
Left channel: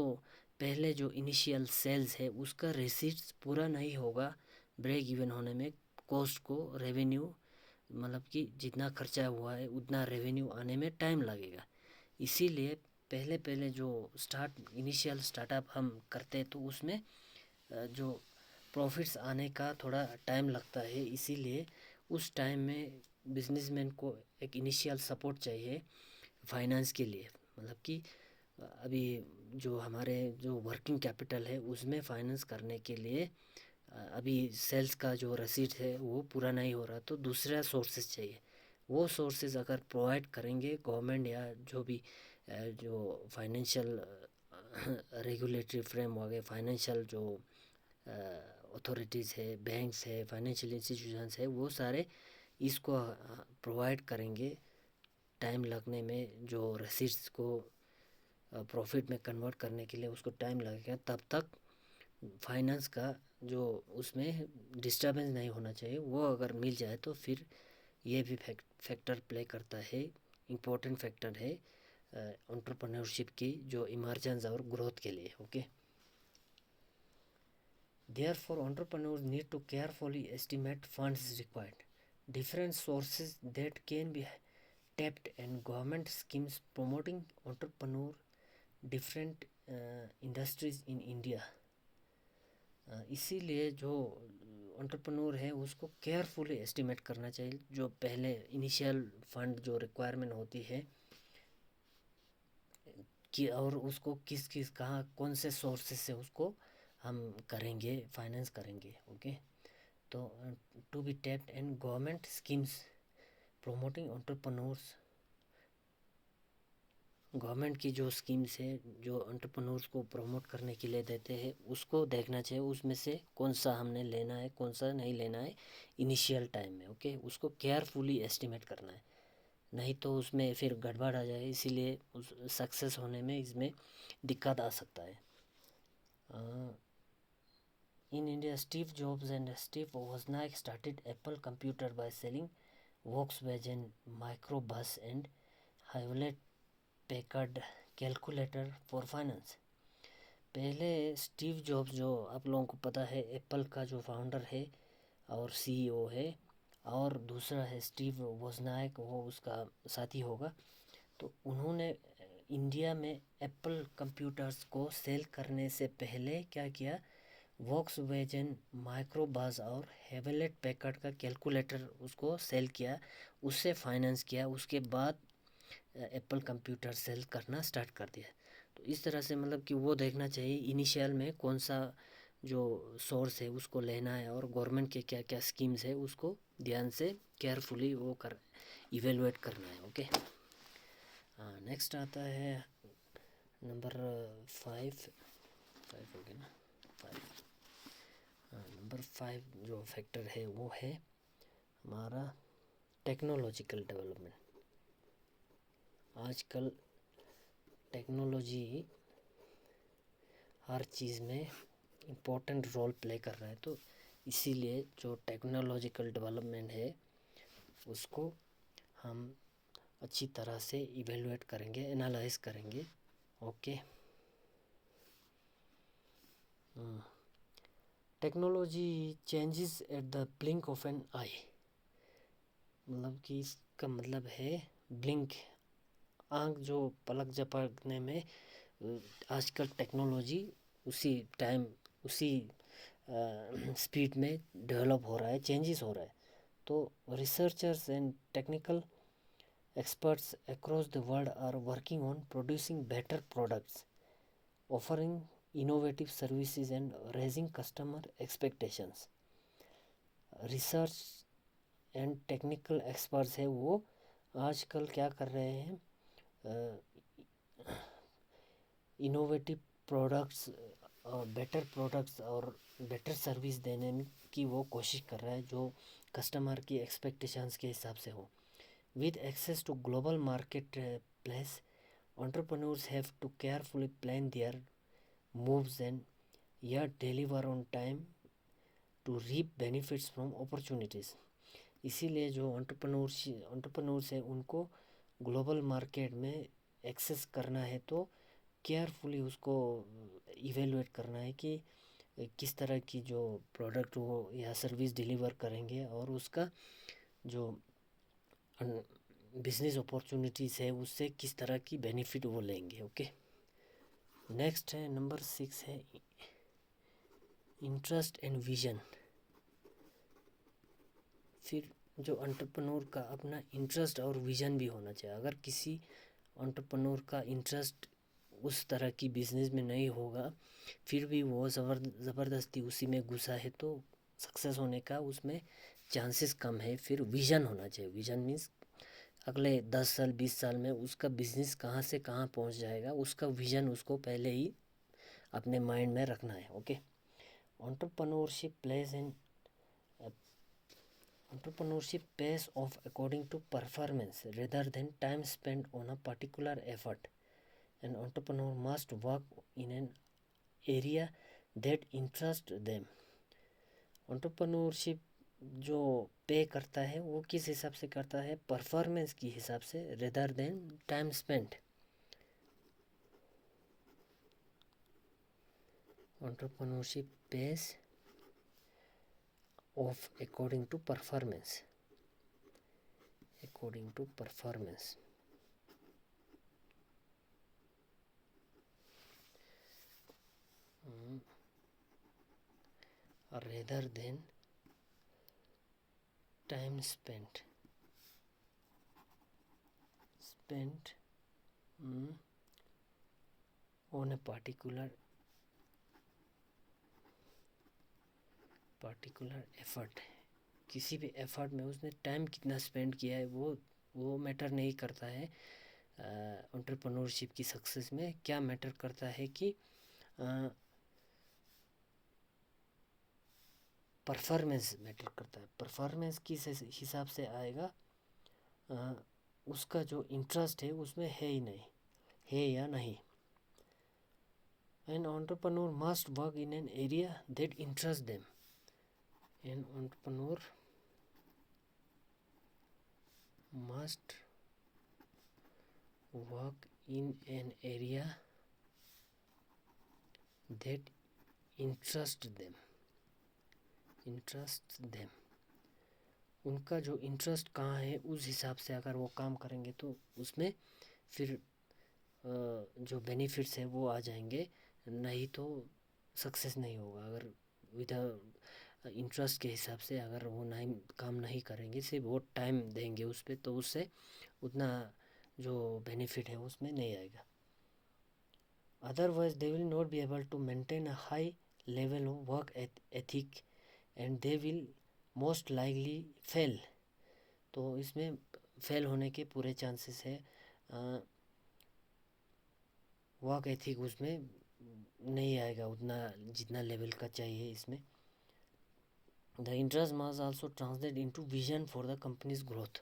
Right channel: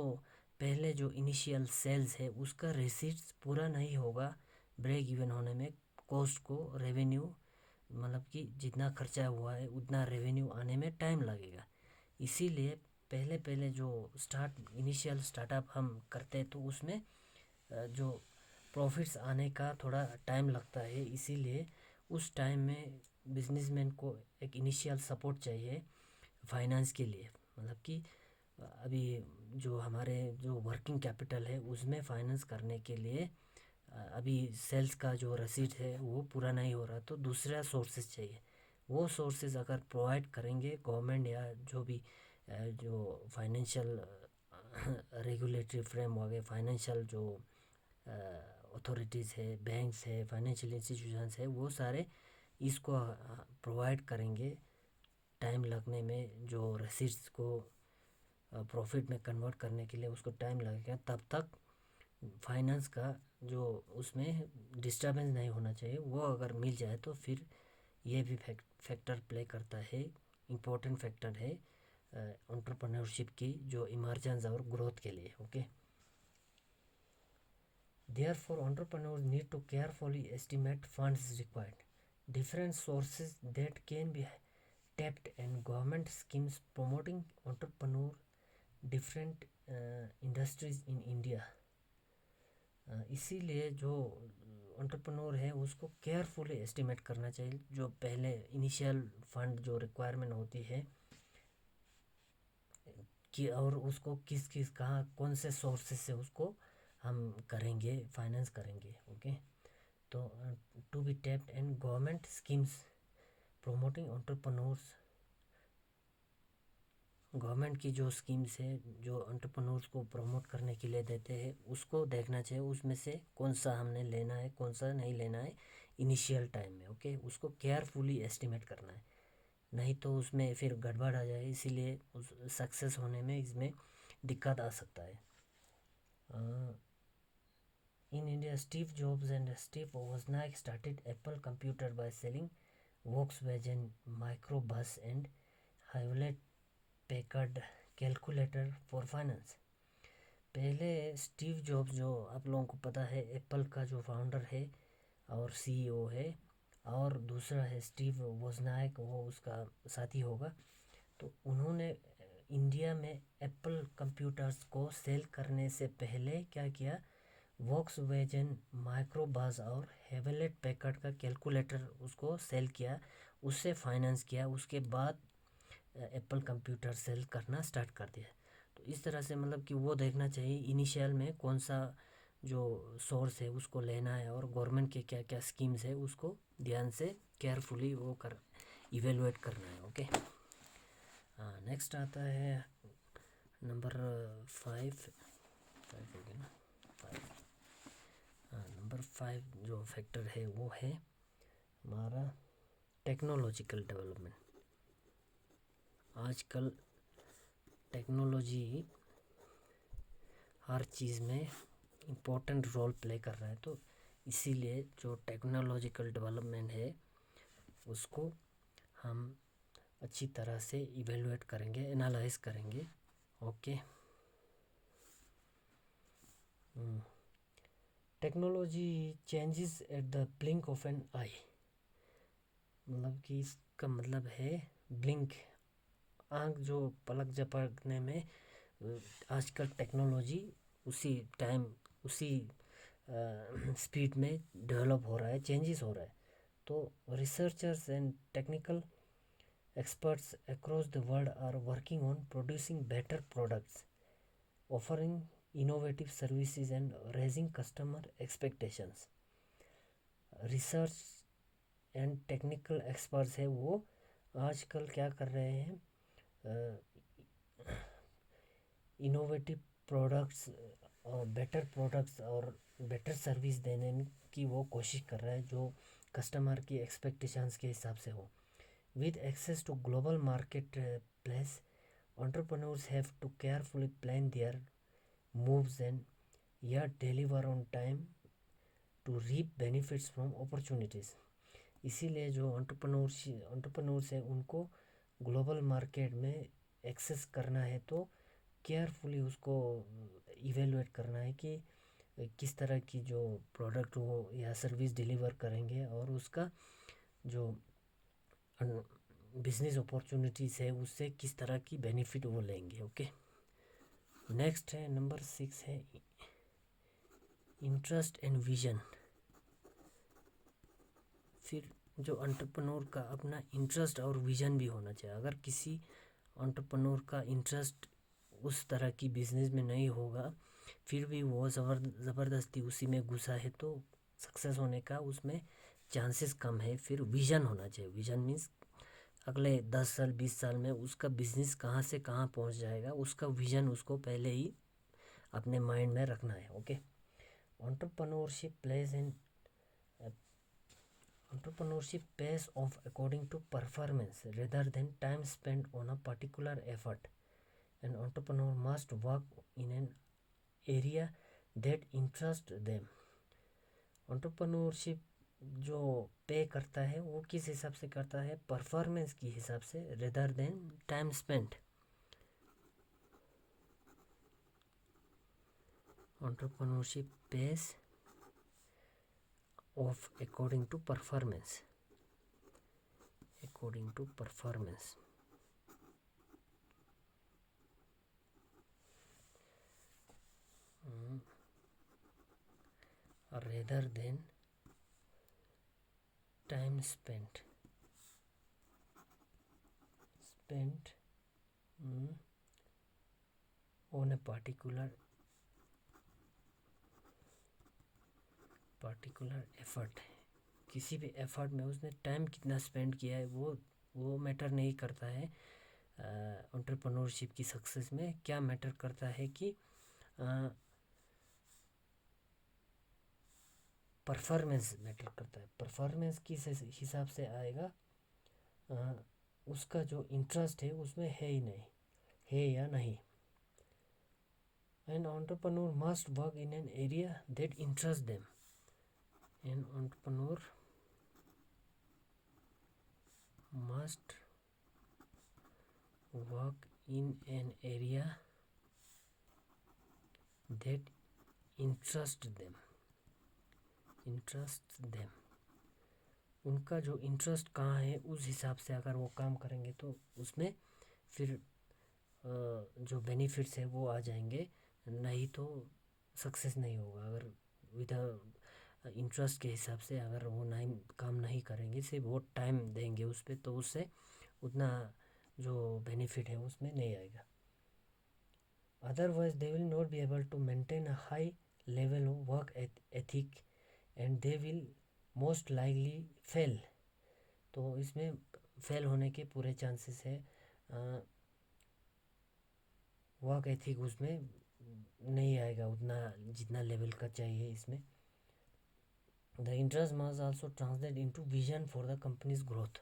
पहले जो इनिशियल सेल्स है उसका रिसीट्स पूरा नहीं होगा, ब्रेक इवन होने में कॉस्ट को रेवेन्यू, मतलब कि जितना खर्चा हुआ है उतना रेवेन्यू आने में टाइम लगेगा। इसीलिए पहले जो इनिशियल स्टार्टअप हम करते हैं तो उसमें जो प्रॉफिट्स आने का थोड़ा टाइम लगता है। इसीलिए उस टाइम में बिजनेसमैन को एक इनिशियल सपोर्ट चाहिए फाइनेंस के लिए, मतलब कि अभी जो हमारे जो वर्किंग कैपिटल है उसमें फाइनेंस करने के लिए अभी सेल्स का जो रसीद है वो पूरा नहीं हो रहा, तो दूसरा सोर्सेज चाहिए। वो सोर्सेज अगर प्रोवाइड करेंगे गवर्नमेंट या जो भी जो फाइनेंशियल रेगुलेटरी फ्रेमवर्क है, फाइनेंशियल जो अथॉरिटीज़ है, बैंक्स है, फाइनेंशियल इंस्टीट्यूशंस है, वो सारे इसको प्रोवाइड करेंगे। टाइम लगने में जो रसीड्स को प्रॉफिट में कन्वर्ट करने के लिए उसको टाइम लगेगा, तब तक फाइनेंस का जो उसमें डिस्टर्बेंस नहीं होना चाहिए, वो अगर मिल जाए तो फिर ये भी फैक्टर प्ले करता है, इम्पोर्टेंट फैक्टर है एंटरप्रेन्योरशिप की जो इमर्जेंस और ग्रोथ के लिए। Okay, Therefore, entrepreneurs need to carefully estimate funds required, different sources that can be tapped, and government schemes promoting entrepreneur different industries in India। इसीलिए जो एंटरप्रेन्योर है उसको केयरफुली एस्टिमेट करना चाहिए, जो पहले इनिशियल फंड जो रिक्वायरमेंट होती है कि और उसको किस किस कहाँ कौन से सोर्सेस से उसको हम करेंगे, फाइनेंस करेंगे। ओके, तो to be tapped and government schemes promoting entrepreneurs. Government की जो स्कीम्स है जो एंटरप्रेन्योर्स को प्रमोट करने के लिए देते हैं, उसको देखना चाहिए उसमें से कौन सा हमने लेना है कौन सा नहीं लेना है इनिशियल टाइम में। ओके, उसको केयरफुली एस्टिमेट करना है, नहीं तो उसमें फिर गड़बड़ आ जाए, इसीलिए उस सक्सेस होने में इसमें दिक्कत आ सकता है। In India Steve Jobs and Steve Wozniak started Apple computer by selling Volkswagen microbus and Hewlett Packard calculator for finance. पहले स्टीव जॉब्स, जो आप लोगों को पता है एप्पल का जो फाउंडर है और सीईओ है, और दूसरा है स्टीव वोजनिक, वो उसका साथी होगा। तो उन्होंने इंडिया में एप्पल कंप्यूटर्स को सेल करने से पहले क्या किया, वोक्सवैगन माइक्रोबस और हेवलेट पैकर्ड का कैलकुलेटर उसको सेल किया, उससे फाइनेंस किया, उसके बाद एप्पल कंप्यूटर सेल करना स्टार्ट कर दिया। तो इस तरह से मतलब कि वो देखना चाहिए इनिशियल में कौन सा जो सोर्स है उसको लेना है, और गवर्नमेंट के क्या क्या स्कीम्स है उसको ध्यान से केयरफुली वो कर इवेलुएट करना है। ओके, हाँ, नेक्स्ट आता है नंबर 5 5 हो गया ना, 5। हाँ, नंबर 5 जो फैक्टर है वो है हमारा टेक्नोलॉजिकल डेवलपमेंट। आजकल टेक्नोलॉजी हर चीज़ में इम्पोर्टेंट रोल प्ले कर रहा है, तो इसीलिए जो टेक्नोलॉजिकल डेवलपमेंट है उसको हम अच्छी तरह से इवेलुएट करेंगे, एनालाइज करेंगे। Okay, technology changes at the blink of an eye. मतलब कि इसका मतलब है ब्लिंक, आँख जो पलक झपकने में आजकल टेक्नोलॉजी उसी टाइम उसी स्पीड में डेवलप हो रहा है, चेंजेस हो रहा है। तो researchers and technical experts across the world are working on producing better products, offering innovative services and raising customer expectations. Research and technical experts है वो आजकल क्या कर रहे हैं, इनोवेटिव प्रोडक्ट्स और बेटर प्रोडक्ट्स और बेटर सर्विस देने की वो कोशिश कर रहा है जो कस्टमर की एक्सपेक्टेशंस के हिसाब से हो। With access to global marketplace, entrepreneurs have to carefully plan their moves and yet deliver on time to reap benefits from opportunities. इसीलिए जो एंटरप्रेन्योर्स है उनको ग्लोबल मार्केट में एक्सेस करना है, तो केयरफुली उसको इवेलुएट करना है कि किस तरह की जो प्रोडक्ट वो या सर्विस डिलीवर करेंगे और उसका जो बिजनेस अपॉर्चुनिटीज़ है उससे किस तरह की बेनिफिट वो लेंगे। ओके, नेक्स्ट है नंबर 6 है इंटरेस्ट एंड विजन। फिर जो एंटरप्रेन्योर का अपना इंटरेस्ट और विजन भी होना चाहिए। अगर किसी एंटरप्रेन्योर का इंटरेस्ट उस तरह की बिजनेस में नहीं होगा, फिर भी वो ज़बरदस्ती उसी में घुसा है, तो सक्सेस होने का उसमें चांसेस कम है। फिर विजन होना चाहिए। विजन मीन्स अगले 10 साल 20 साल में उसका बिजनेस कहाँ से कहाँ पहुँच जाएगा, उसका विजन उसको पहले ही अपने माइंड में रखना है। Okay, entrepreneurship place in entrepreneurship pays off according to performance rather than time spent on a particular effort. An entrepreneur must work in an area that interests them. Entrepreneurship जो पे करता है वो किस हिसाब से करता है, परफॉर्मेंस के हिसाब से, rather than time spent. Entrepreneurship pace of according to performance, according to performance. Rather than time spent on a particular effort, किसी भी एफर्ट में उसने टाइम कितना स्पेंड किया है वो मैटर नहीं करता है। एंटरप्रेन्योरशिप की सक्सेस में क्या मैटर करता है कि परफॉर्मेंस मैटर करता है। परफॉर्मेंस किस हिसाब से आएगा, उसका जो इंटरेस्ट है उसमें है ही नहीं, है या नहीं। An entrepreneur must work in an area that interests them. An entrepreneur must work in an area that interests them. उनका जो इंटरेस्ट कहाँ है उस हिसाब से अगर वो काम करेंगे तो उसमें फिर जो बेनिफिट्स है वो आ जाएंगे, नहीं तो सक्सेस नहीं होगा। अगर विदाउट इंटरेस्ट के हिसाब से अगर वो नहीं काम नहीं करेंगे, सिर्फ वो टाइम देंगे उस पर, तो उससे उतना जो बेनिफिट है उसमें नहीं आएगा। Otherwise they will not be able to maintain a high level of work ethic and they will most likely fail. तो इसमें फेल होने के पूरे चांसेस है। वर्क एथिक उसमें नहीं आएगा उतना जितना लेवल का चाहिए इसमें। The interest must also translate into vision for the companies growth.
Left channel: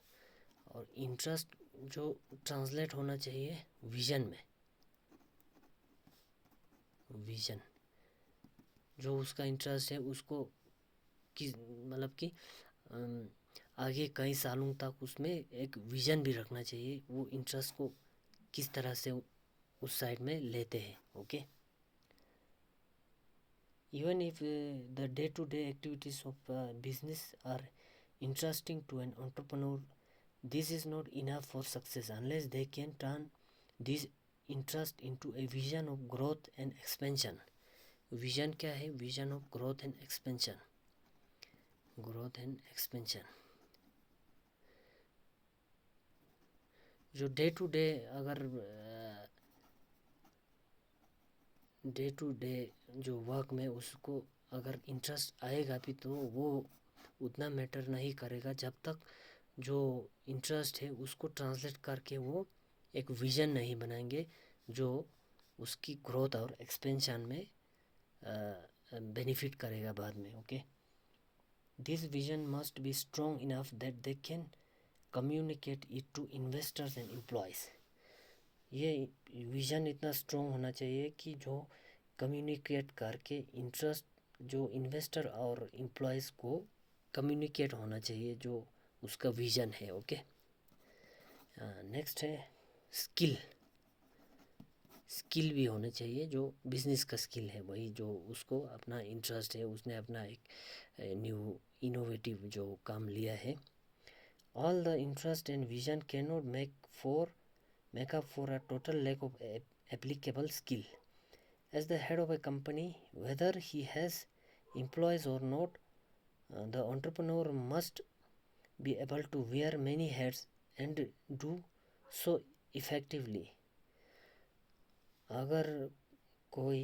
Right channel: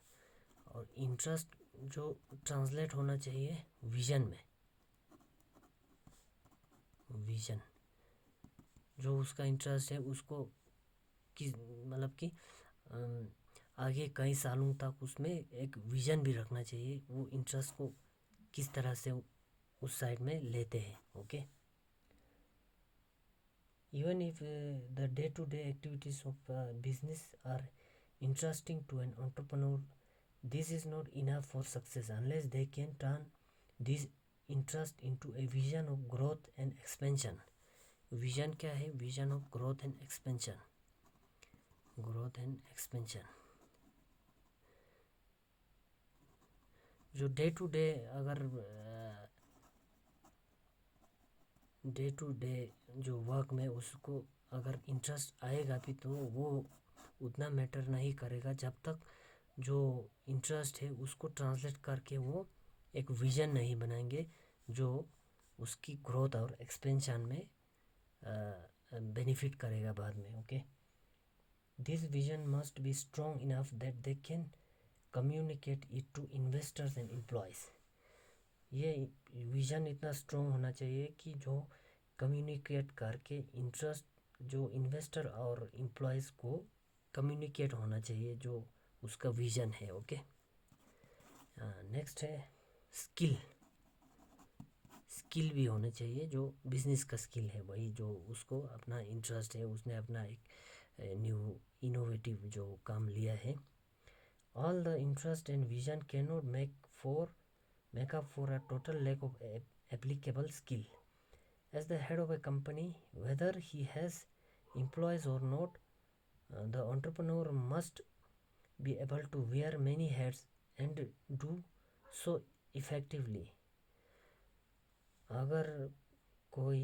और इंटरेस्ट जो ट्रांसलेट होना चाहिए विजन में, विजन जो उसका इंटरेस्ट है उसको किस मतलब कि आगे कई सालों तक उसमें एक विजन भी रखना चाहिए, वो इंटरेस्ट को किस तरह से उस साइड में लेते हैं। Okay, even if the day-to-day activities of business are interesting to an entrepreneur, this is not enough for success unless they can turn this interest into a vision of growth and expansion. Vision क्या है? Vision of growth and expansion. Growth and expansion जो डे टू डे अगर डे टू डे जो वर्क में उसको अगर इंटरेस्ट आएगा भी तो वो उतना मैटर नहीं करेगा जब तक जो इंटरेस्ट है उसको ट्रांसलेट करके वो एक विज़न नहीं बनाएंगे जो उसकी ग्रोथ और एक्सपेंशन में बेनिफिट करेगा बाद में। Okay, this vision must be strong enough that they can communicate it to investors and employees. ये विज़न इतना स्ट्रॉन्ग होना चाहिए कि जो कम्युनिकेट करके इंटरेस्ट जो इन्वेस्टर और एम्प्लॉयज़ को कम्युनिकेट होना चाहिए जो उसका विज़न है। ओके, नेक्स्ट है स्किल। स्किल भी होने चाहिए, जो बिजनेस का स्किल है वही जो उसको अपना इंटरेस्ट है, उसने अपना एक न्यू इनोवेटिव जो काम लिया है। All the interest and vision can not make up for a total lack of applicable skill. As the head of a company, whether he has employees or not, the entrepreneur must be able to wear many hats and do so effectively. अगर कोई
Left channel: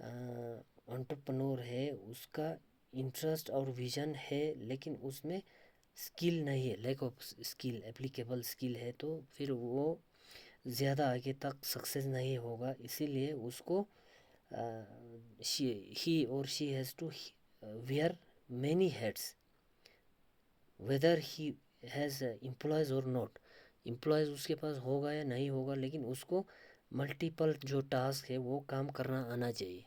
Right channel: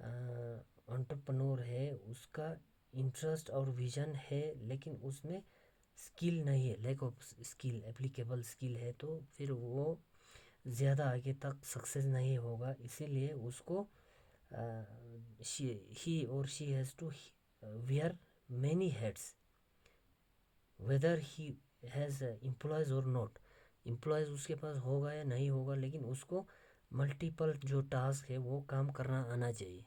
एंटरप्रेन्योर है, उसका इंटरेस्ट और विजन है लेकिन उसमें स्किल नहीं है, lack of skill, applicable skill है, तो फिर वो ज़्यादा आगे तक सक्सेस नहीं होगा। इसीलिए उसको he or she has to wear many hats whether he has employees or not. Employees उसके पास होगा या नहीं होगा, लेकिन उसको मल्टीपल जो टास्क है वो काम करना आना चाहिए।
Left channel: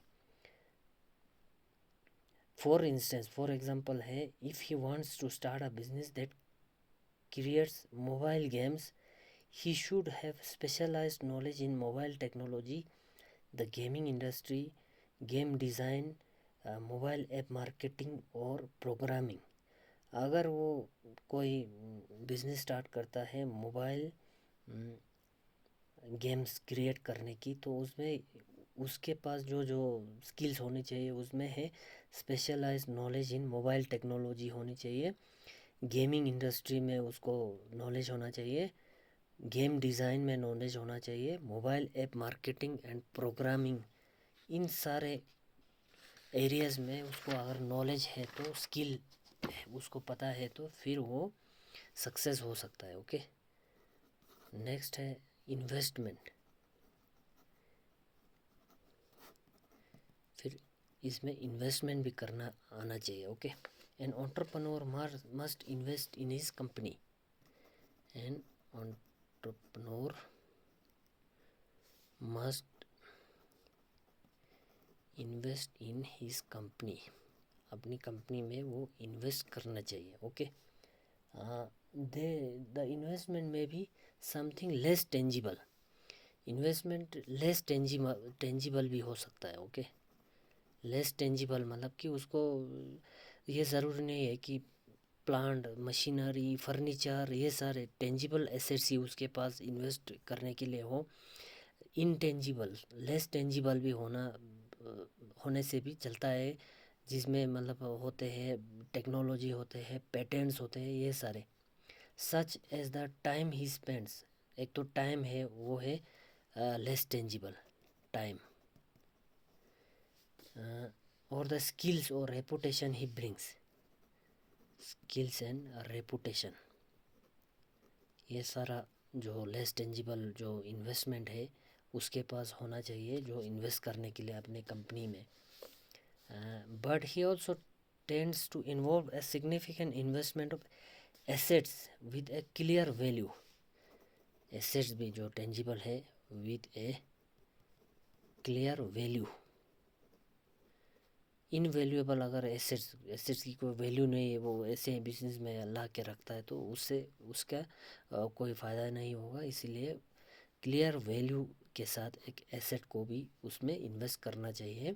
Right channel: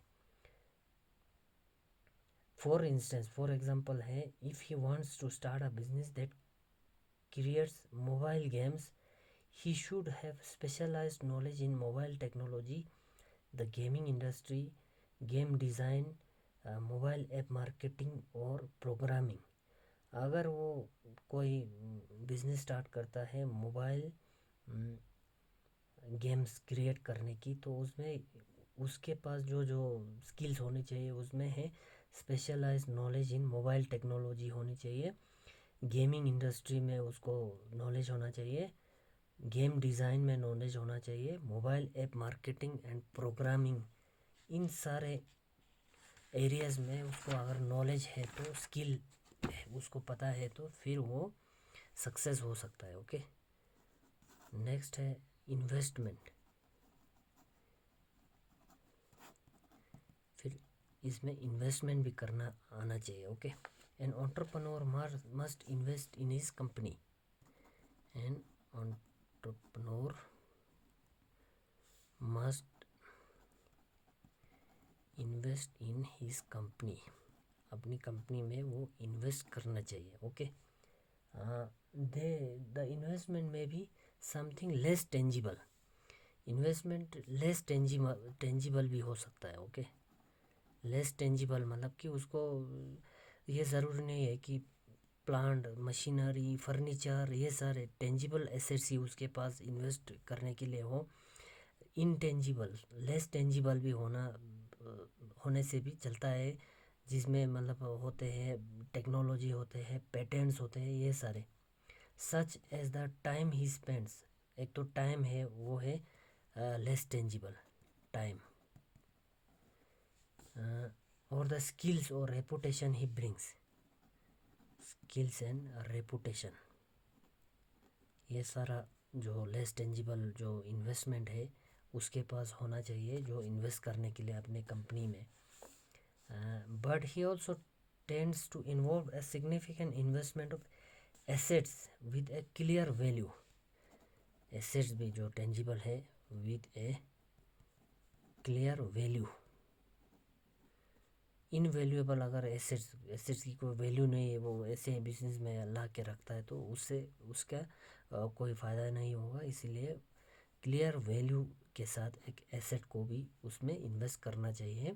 फॉर एग्जांपल है, if he wants to start a business that creates mobile games, he should have specialized knowledge in mobile technology, the gaming industry, game design, mobile app marketing और programming. अगर वो कोई बिजनेस स्टार्ट करता है मोबाइल गेम्स क्रिएट करने की, तो उसमें उसके पास जो जो स्किल्स होनी चाहिए उसमें है specialised knowledge in mobile technology होनी चाहिए, गेमिंग इंडस्ट्री में उसको नॉलेज होना चाहिए, गेम डिज़ाइन में नॉलेज होना चाहिए, mobile app marketing and programming, इन सारे एरियाज़ में उसको अगर नॉलेज है तो, स्किल उसको पता है तो फिर वो सक्सेस हो सकता है। ओके, नेक्स्ट है इन्वेस्टमेंट। फिर इसमें इन्वेस्टमेंट भी करना आना चाहिए। Okay, an entrepreneur must invest in his company. An entrepreneur must invest in his company, अपनी कंपनी में वो इन्वेस्ट करना चाहिए। ओके, दे द इन्वेस्टमेंट में भी something less tangible, investment less tangible भी हो सकता है। ओके, लेस टेंजिबल मतलब कि उसको ये ज़रूरी नहीं है कि प्लांट, मशीनरी, फर्नीचर, ये सारे टेंजिबल एसेट्स ही उसके पास इन्वेस्ट करने के लिए हो। इनटेंजिबल, लेस टेंजिबल भी होने से भी चलता है, जिसमें मतलब होते हैं टेक्नोलॉजी, होते हैं पेटेंट्स, होते हैं ये सारे। Such as the time he spends, एक तो टाइम है वो है लेस टेंजिबल टाइम, और द स्किल्स और reputation he brings, skills and reputation, ये सारा जो लेस टेंजिबल जो इन्वेस्टमेंट है उसके पास होना चाहिए, जो इन्वेस्ट करने के लिए अपने कंपनी में। But he also tends to involve a significant investment of assets with a clear value, assets भी जो टेंजिबल है with a clear value. Invaluable अगर एसेट्स की कोई वैल्यू नहीं है, वो ऐसे बिजनेस में ला के रखता है तो उससे उसका कोई फ़ायदा नहीं होगा। इसीलिए क्लियर वैल्यू के साथ एक एसेट को भी उसमें इन्वेस्ट करना चाहिए,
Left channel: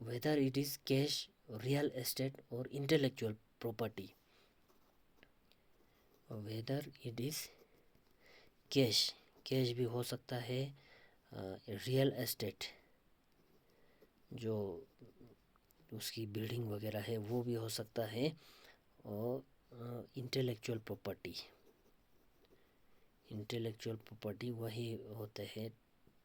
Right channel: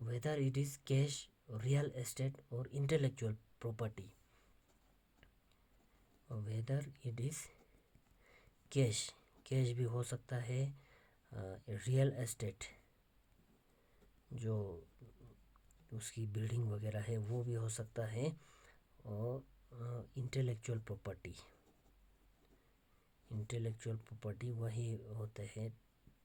whether it is cash, real estate और intellectual property. Whether it is cash, cash भी हो सकता है, रियल एस्टेट जो उसकी बिल्डिंग वगैरह है वो भी हो सकता है, और इंटेलेक्चुअल प्रॉपर्टी, इंटेलेक्चुअल प्रॉपर्टी वही होते हैं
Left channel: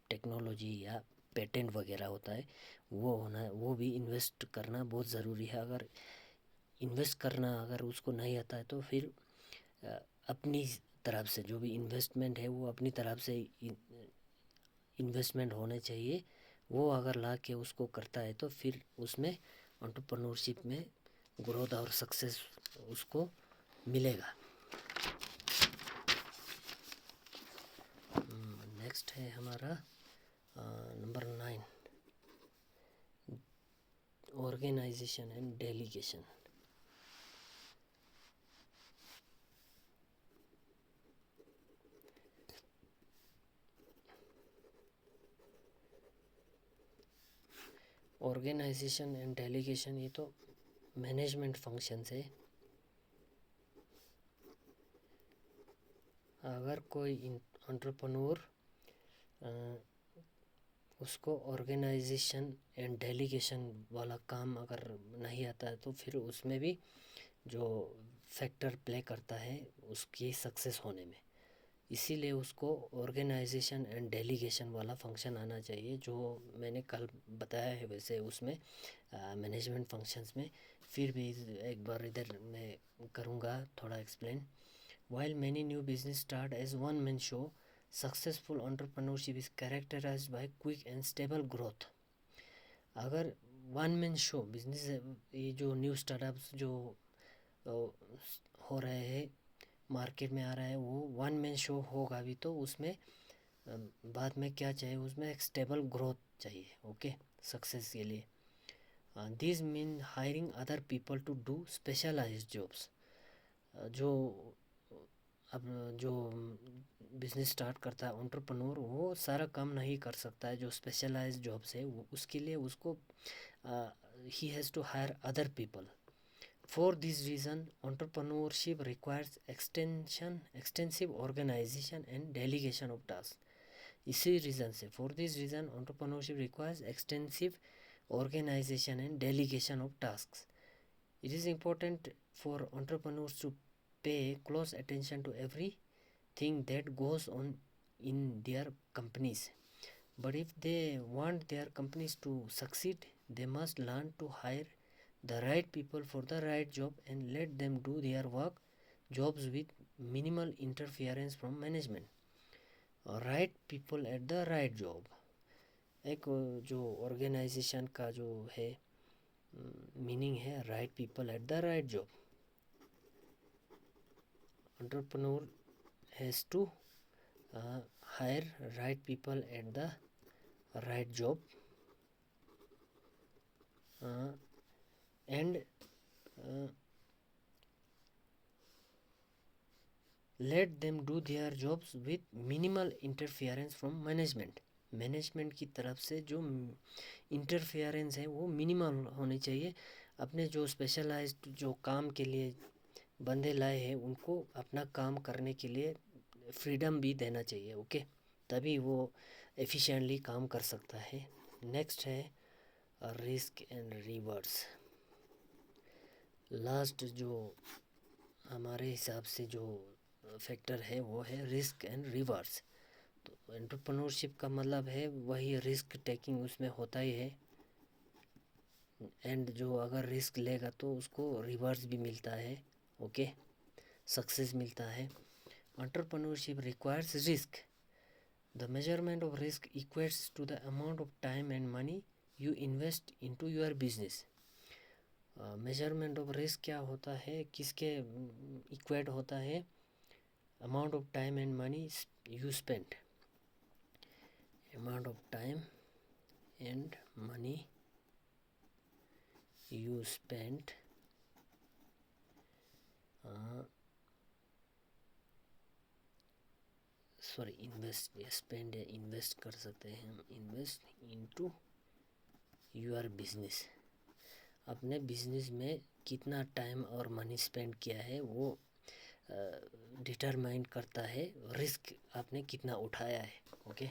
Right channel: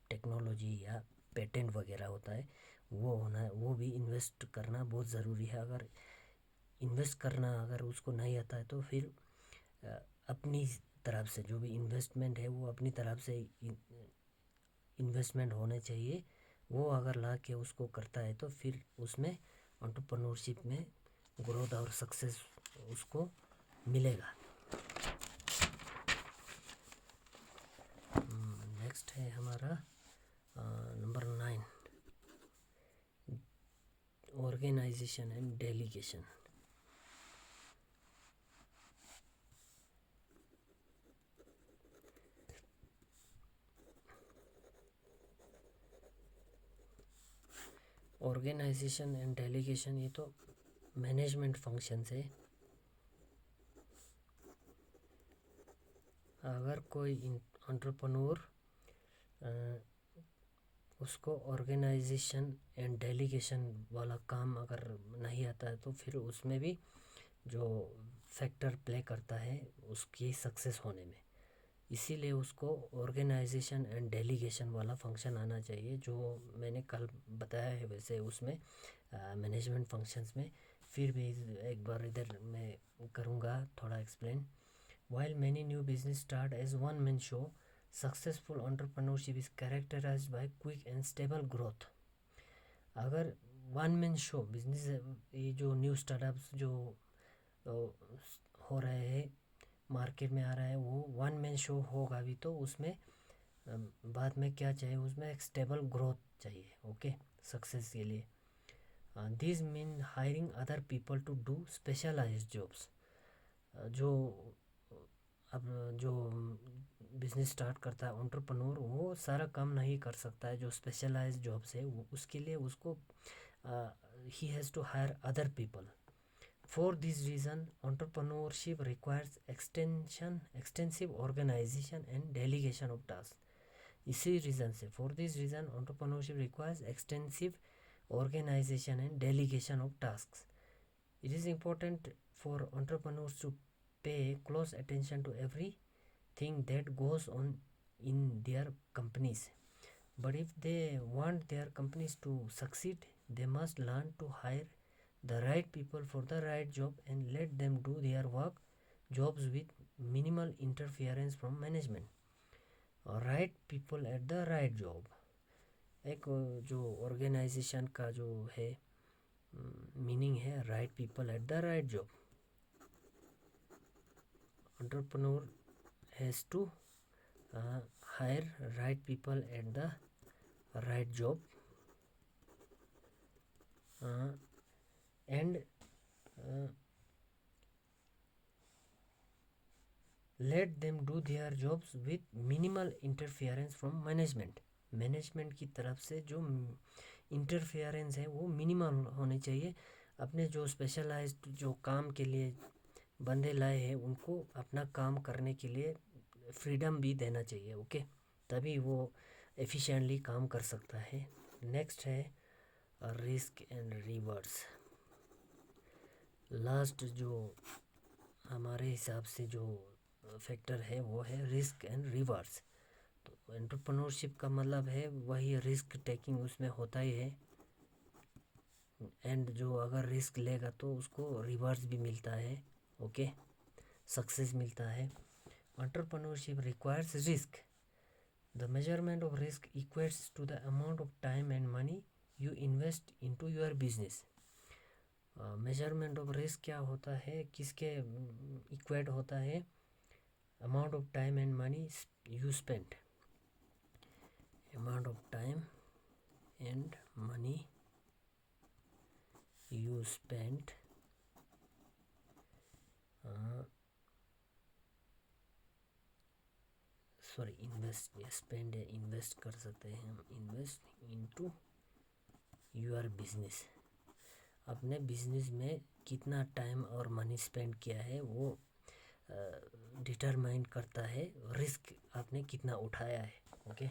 टेक्नोलॉजी या पेटेंट वगैरह होता है, वो होना, वो भी इन्वेस्ट करना बहुत ज़रूरी है। अगर इन्वेस्ट करना अगर उसको नहीं आता है तो फिर अपनी तरफ से जो भी इन्वेस्टमेंट है वो अपनी तरफ से इन्वेस्टमेंट होने चाहिए, वो अगर ला के उसको करता है तो फिर उसमें एंटरप्रेन्योरशिप में ग्रोथ और सक्सेस उसको मिलेगा। नेक्स्ट है हमारा number 9, organisation and delegation. Organisation and delegation ये तो मैनेजमेंट फंक्शंस है। अगर कोई एंटरप्रेन्योर उसको ऑर्गेनाइजेशन एंड डेलीगेशन वाला काम अगर नहीं आता है तो फिर उसमें भी जो फैक्टर प्ले करता है उसकी सक्सेस होने में, इसीलिए उसको ऑर्गेनाइजेशन एंड डेलीगेशन वाला फंक्शन आना चाहिए, जो मैंने कल बताया है वैसे उसमें मैनेजमेंट फंक्शंस में। फिर भी एक बार इधर मैं करूँगा थोड़ा explain. While many new business start as one man show, successful entrepreneurship is characterised by quick and stable growth. अगर वन मैन शो बिजनेस, ये जो न्यू स्टार्टअप्स जो हो रहे हैं मार्केट में आ रहा है वो वन मैन शो होगा भी, तो उसमें बाद में क्या चाहिए, उसमें एक स्टेबल ग्रोथ चाहिए। ओके, सक्सेस के लिए this mean hiring other people to do specialised jobs. जो अब जो बिजनेस स्टार्ट करता है एंटरप्रेन्योर, वो सारा काम नहीं कर सकता है, जो स्पेशलाइज्ड जॉब्स है वो उसके लिए उसको ही has to hire other people. For this reason, entrepreneurship requires extensive organization and delegation of tasks. इसी रीज़न से, for this reason, entrepreneurship requires extensive organization and delegation of tasks. It is important for entrepreneurs to pay close attention to every thing that goes on in their companies. But if they want their companies to succeed, they must learn to hire the right people for the right job and let them do their work jobs with minimal interference from management. Right people at the right job, एक जो ऑर्गेनाइजेशन का जो है मीनिंग है right people at the right job. Entrepreneur has to hire right people at the right job and let them do their jobs with minimal interference from management. Management की तरफ से जो इंटरफेरेंस है वो मिनिमल होनी चाहिए. अपने जो स्पेशलाइज्ड जो काम के लिए बंदे लाए हैं उनको अपना काम करने के लिए फ्रीडम भी देना चाहिए. ओके, तभी वो एफिशिएंटली काम कर सकता है. नेक्स्ट है रिस्क एंड रिवर्स. लास्ट जो हमारे हिसाब से जो फैक्टर है वो है रिस्क एंड रिवर्स. तो एंटरप्रेन्योरशिप का मतलब है वही रिस्क टेकिंग उसमें होता ही है, एंड जो अगर रिस्क लेगा तो उसको रिवर्स भी मिलता है. ओके, सक्सेस मिलता है. Entrepreneurship requires risk. The measurement of risk equates to the amount of time and money you invest into your business. Measurement of risk क्या होता है, किसके इक्वेट होता है, amount of time and money you spend. amount of time and money you spent spend invest कर सकते हैं हम. Invest into your business. अपने बिजनेस में कितना टाइम और मनी स्पेंड किया है वो डिटरमाइन करता है रिस्क आपने कितना उठाया है. Okay.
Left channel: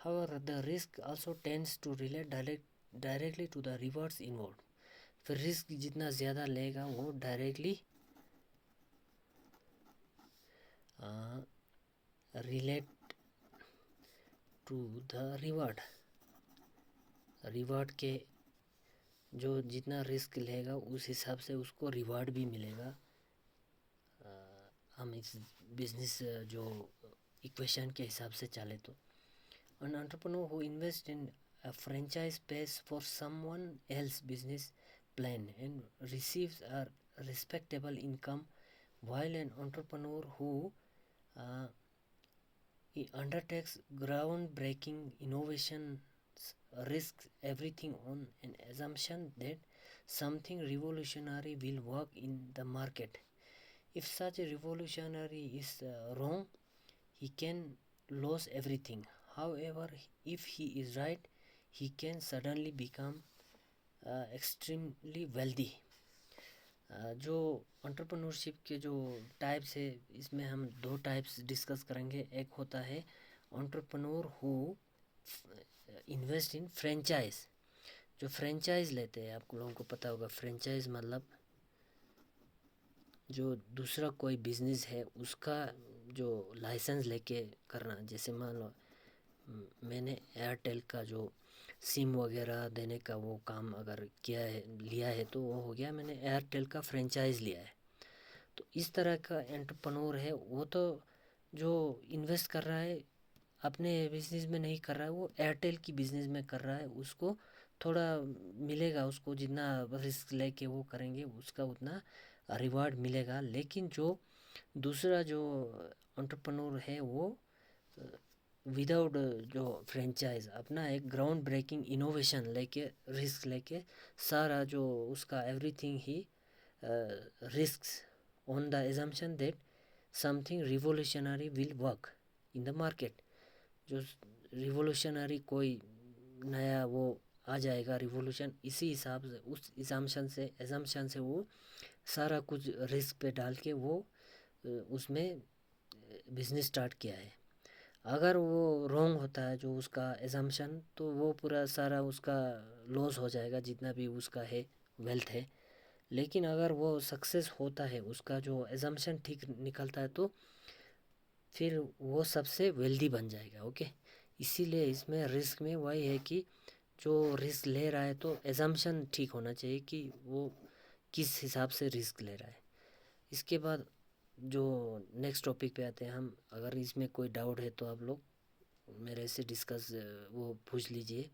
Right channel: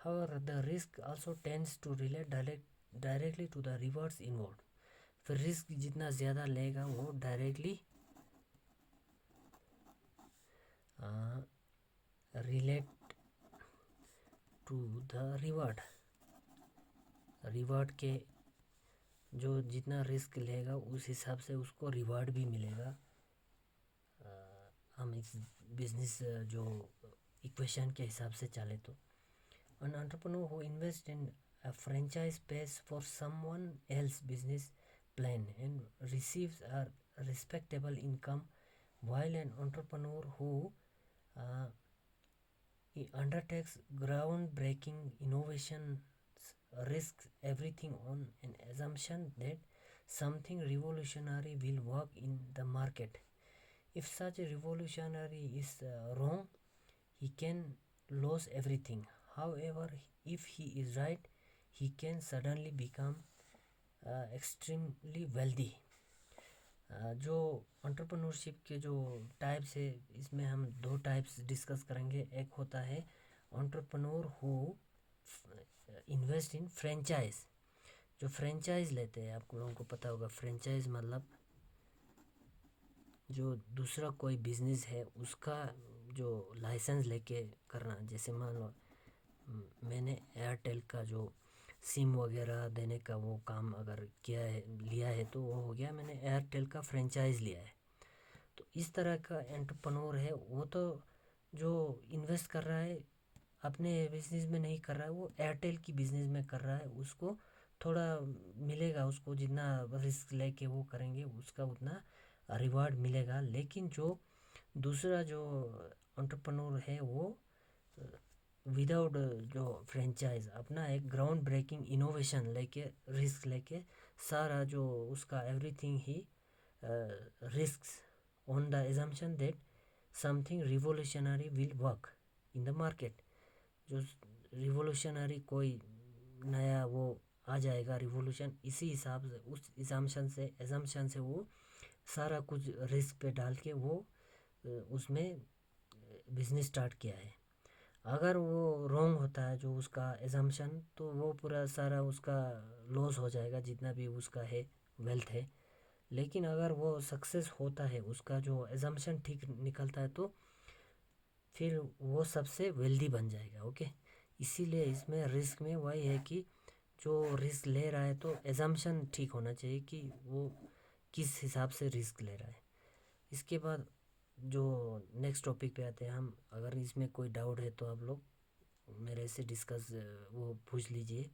However, the risk also tends to relate directly to the rewards involved. फिर रिस्क जितना ज़्यादा लेगा वो directly relate to the reward. Reward के जो जितना रिस्क लेगा उस हिसाब से उसको रिवार्ड भी मिलेगा. हम इस बिजनेस जो इक्वेशन के हिसाब से चले तो an entrepreneur who invests in a franchise pays for someone else's business plan and receives a respectable income, while an entrepreneur who he undertakes groundbreaking innovations risks everything on an assumption that something revolutionary will work in the market. If such a revolutionary is wrong, he can lose everything. However, if he is right, he can suddenly become extremely wealthy. जो एंटरप्रेन्योरशिप के जो टाइप्स है इसमें हम दो टाइप्स डिस्कस करेंगे. एक होता है entrepreneur who invest in franchise. जो फ्रेंचाइज लेते हैं, आप लोगों को पता होगा फ्रेंचाइज मतलब जो दूसरा कोई बिजनेस है उसका जो लाइसेंस लेके करना. जैसे मान लो मैंने एयरटेल का जो सिम वगैरह देने का वो काम अगर किया है लिया है तो वो हो गया मैंने एयरटेल का फ्रेंचाइज़ लिया है. तो इस तरह का एंटरप्रेन्योर है वो तो जो इन्वेस्ट कर रहा है अपने बिजनेस में नहीं कर रहा है, वो एयरटेल की बिजनेस में कर रहा है. उसको थोड़ा मिलेगा, उसको जितना रिस्क लेके वो करेंगे उसका उतना रिवार्ड मिलेगा. लेकिन जो दूसरा जो एंटरप्रेन्योर है वो विदाउट जो फ्रेंचाइज अपना एक ग्राउंड ब्रेकिंग इनोवेशन लेके रिस्क लेके सारा जो उसका everything he risks on the assumption that something revolutionary will work in the market. जो रिवोल्यूशनरी कोई नया वो आ जाएगा रिवोल्यूशन, इसी हिसाब से उस एजम्पशन से वो सारा कुछ रिस्क पे डाल के वो उसमें बिजनेस स्टार्ट किया है. अगर वो रॉन्ग होता है जो उसका एजम्पशन तो वो पूरा सारा उसका लॉस हो जाएगा जितना भी उसका है वेल्थ है. लेकिन अगर वो सक्सेस होता है, उसका जो एजम्पशन ठीक निकलता है तो फिर वो सबसे वेल्दी बन जाएगा। ओके, इसीलिए इसमें रिस्क में वही है कि जो रिस्क ले रहा है तो एजम्पशन ठीक होना चाहिए कि वो किस हिसाब से रिस्क ले रहा है। इसके बाद जो नेक्स्ट टॉपिक पे आते हैं हम। अगर इसमें कोई डाउट है तो आप लोग मेरे से डिस्कस वो पूछ लीजिए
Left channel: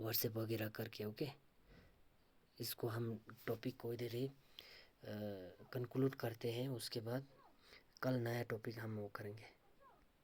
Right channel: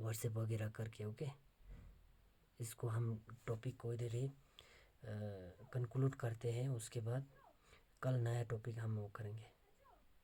व्हाट्सएप वगैरह करके। ओके, इसको हम टॉपिक को इधर ही कंक्लूड करते हैं। उसके बाद कल नया टॉपिक हम वो करेंगे।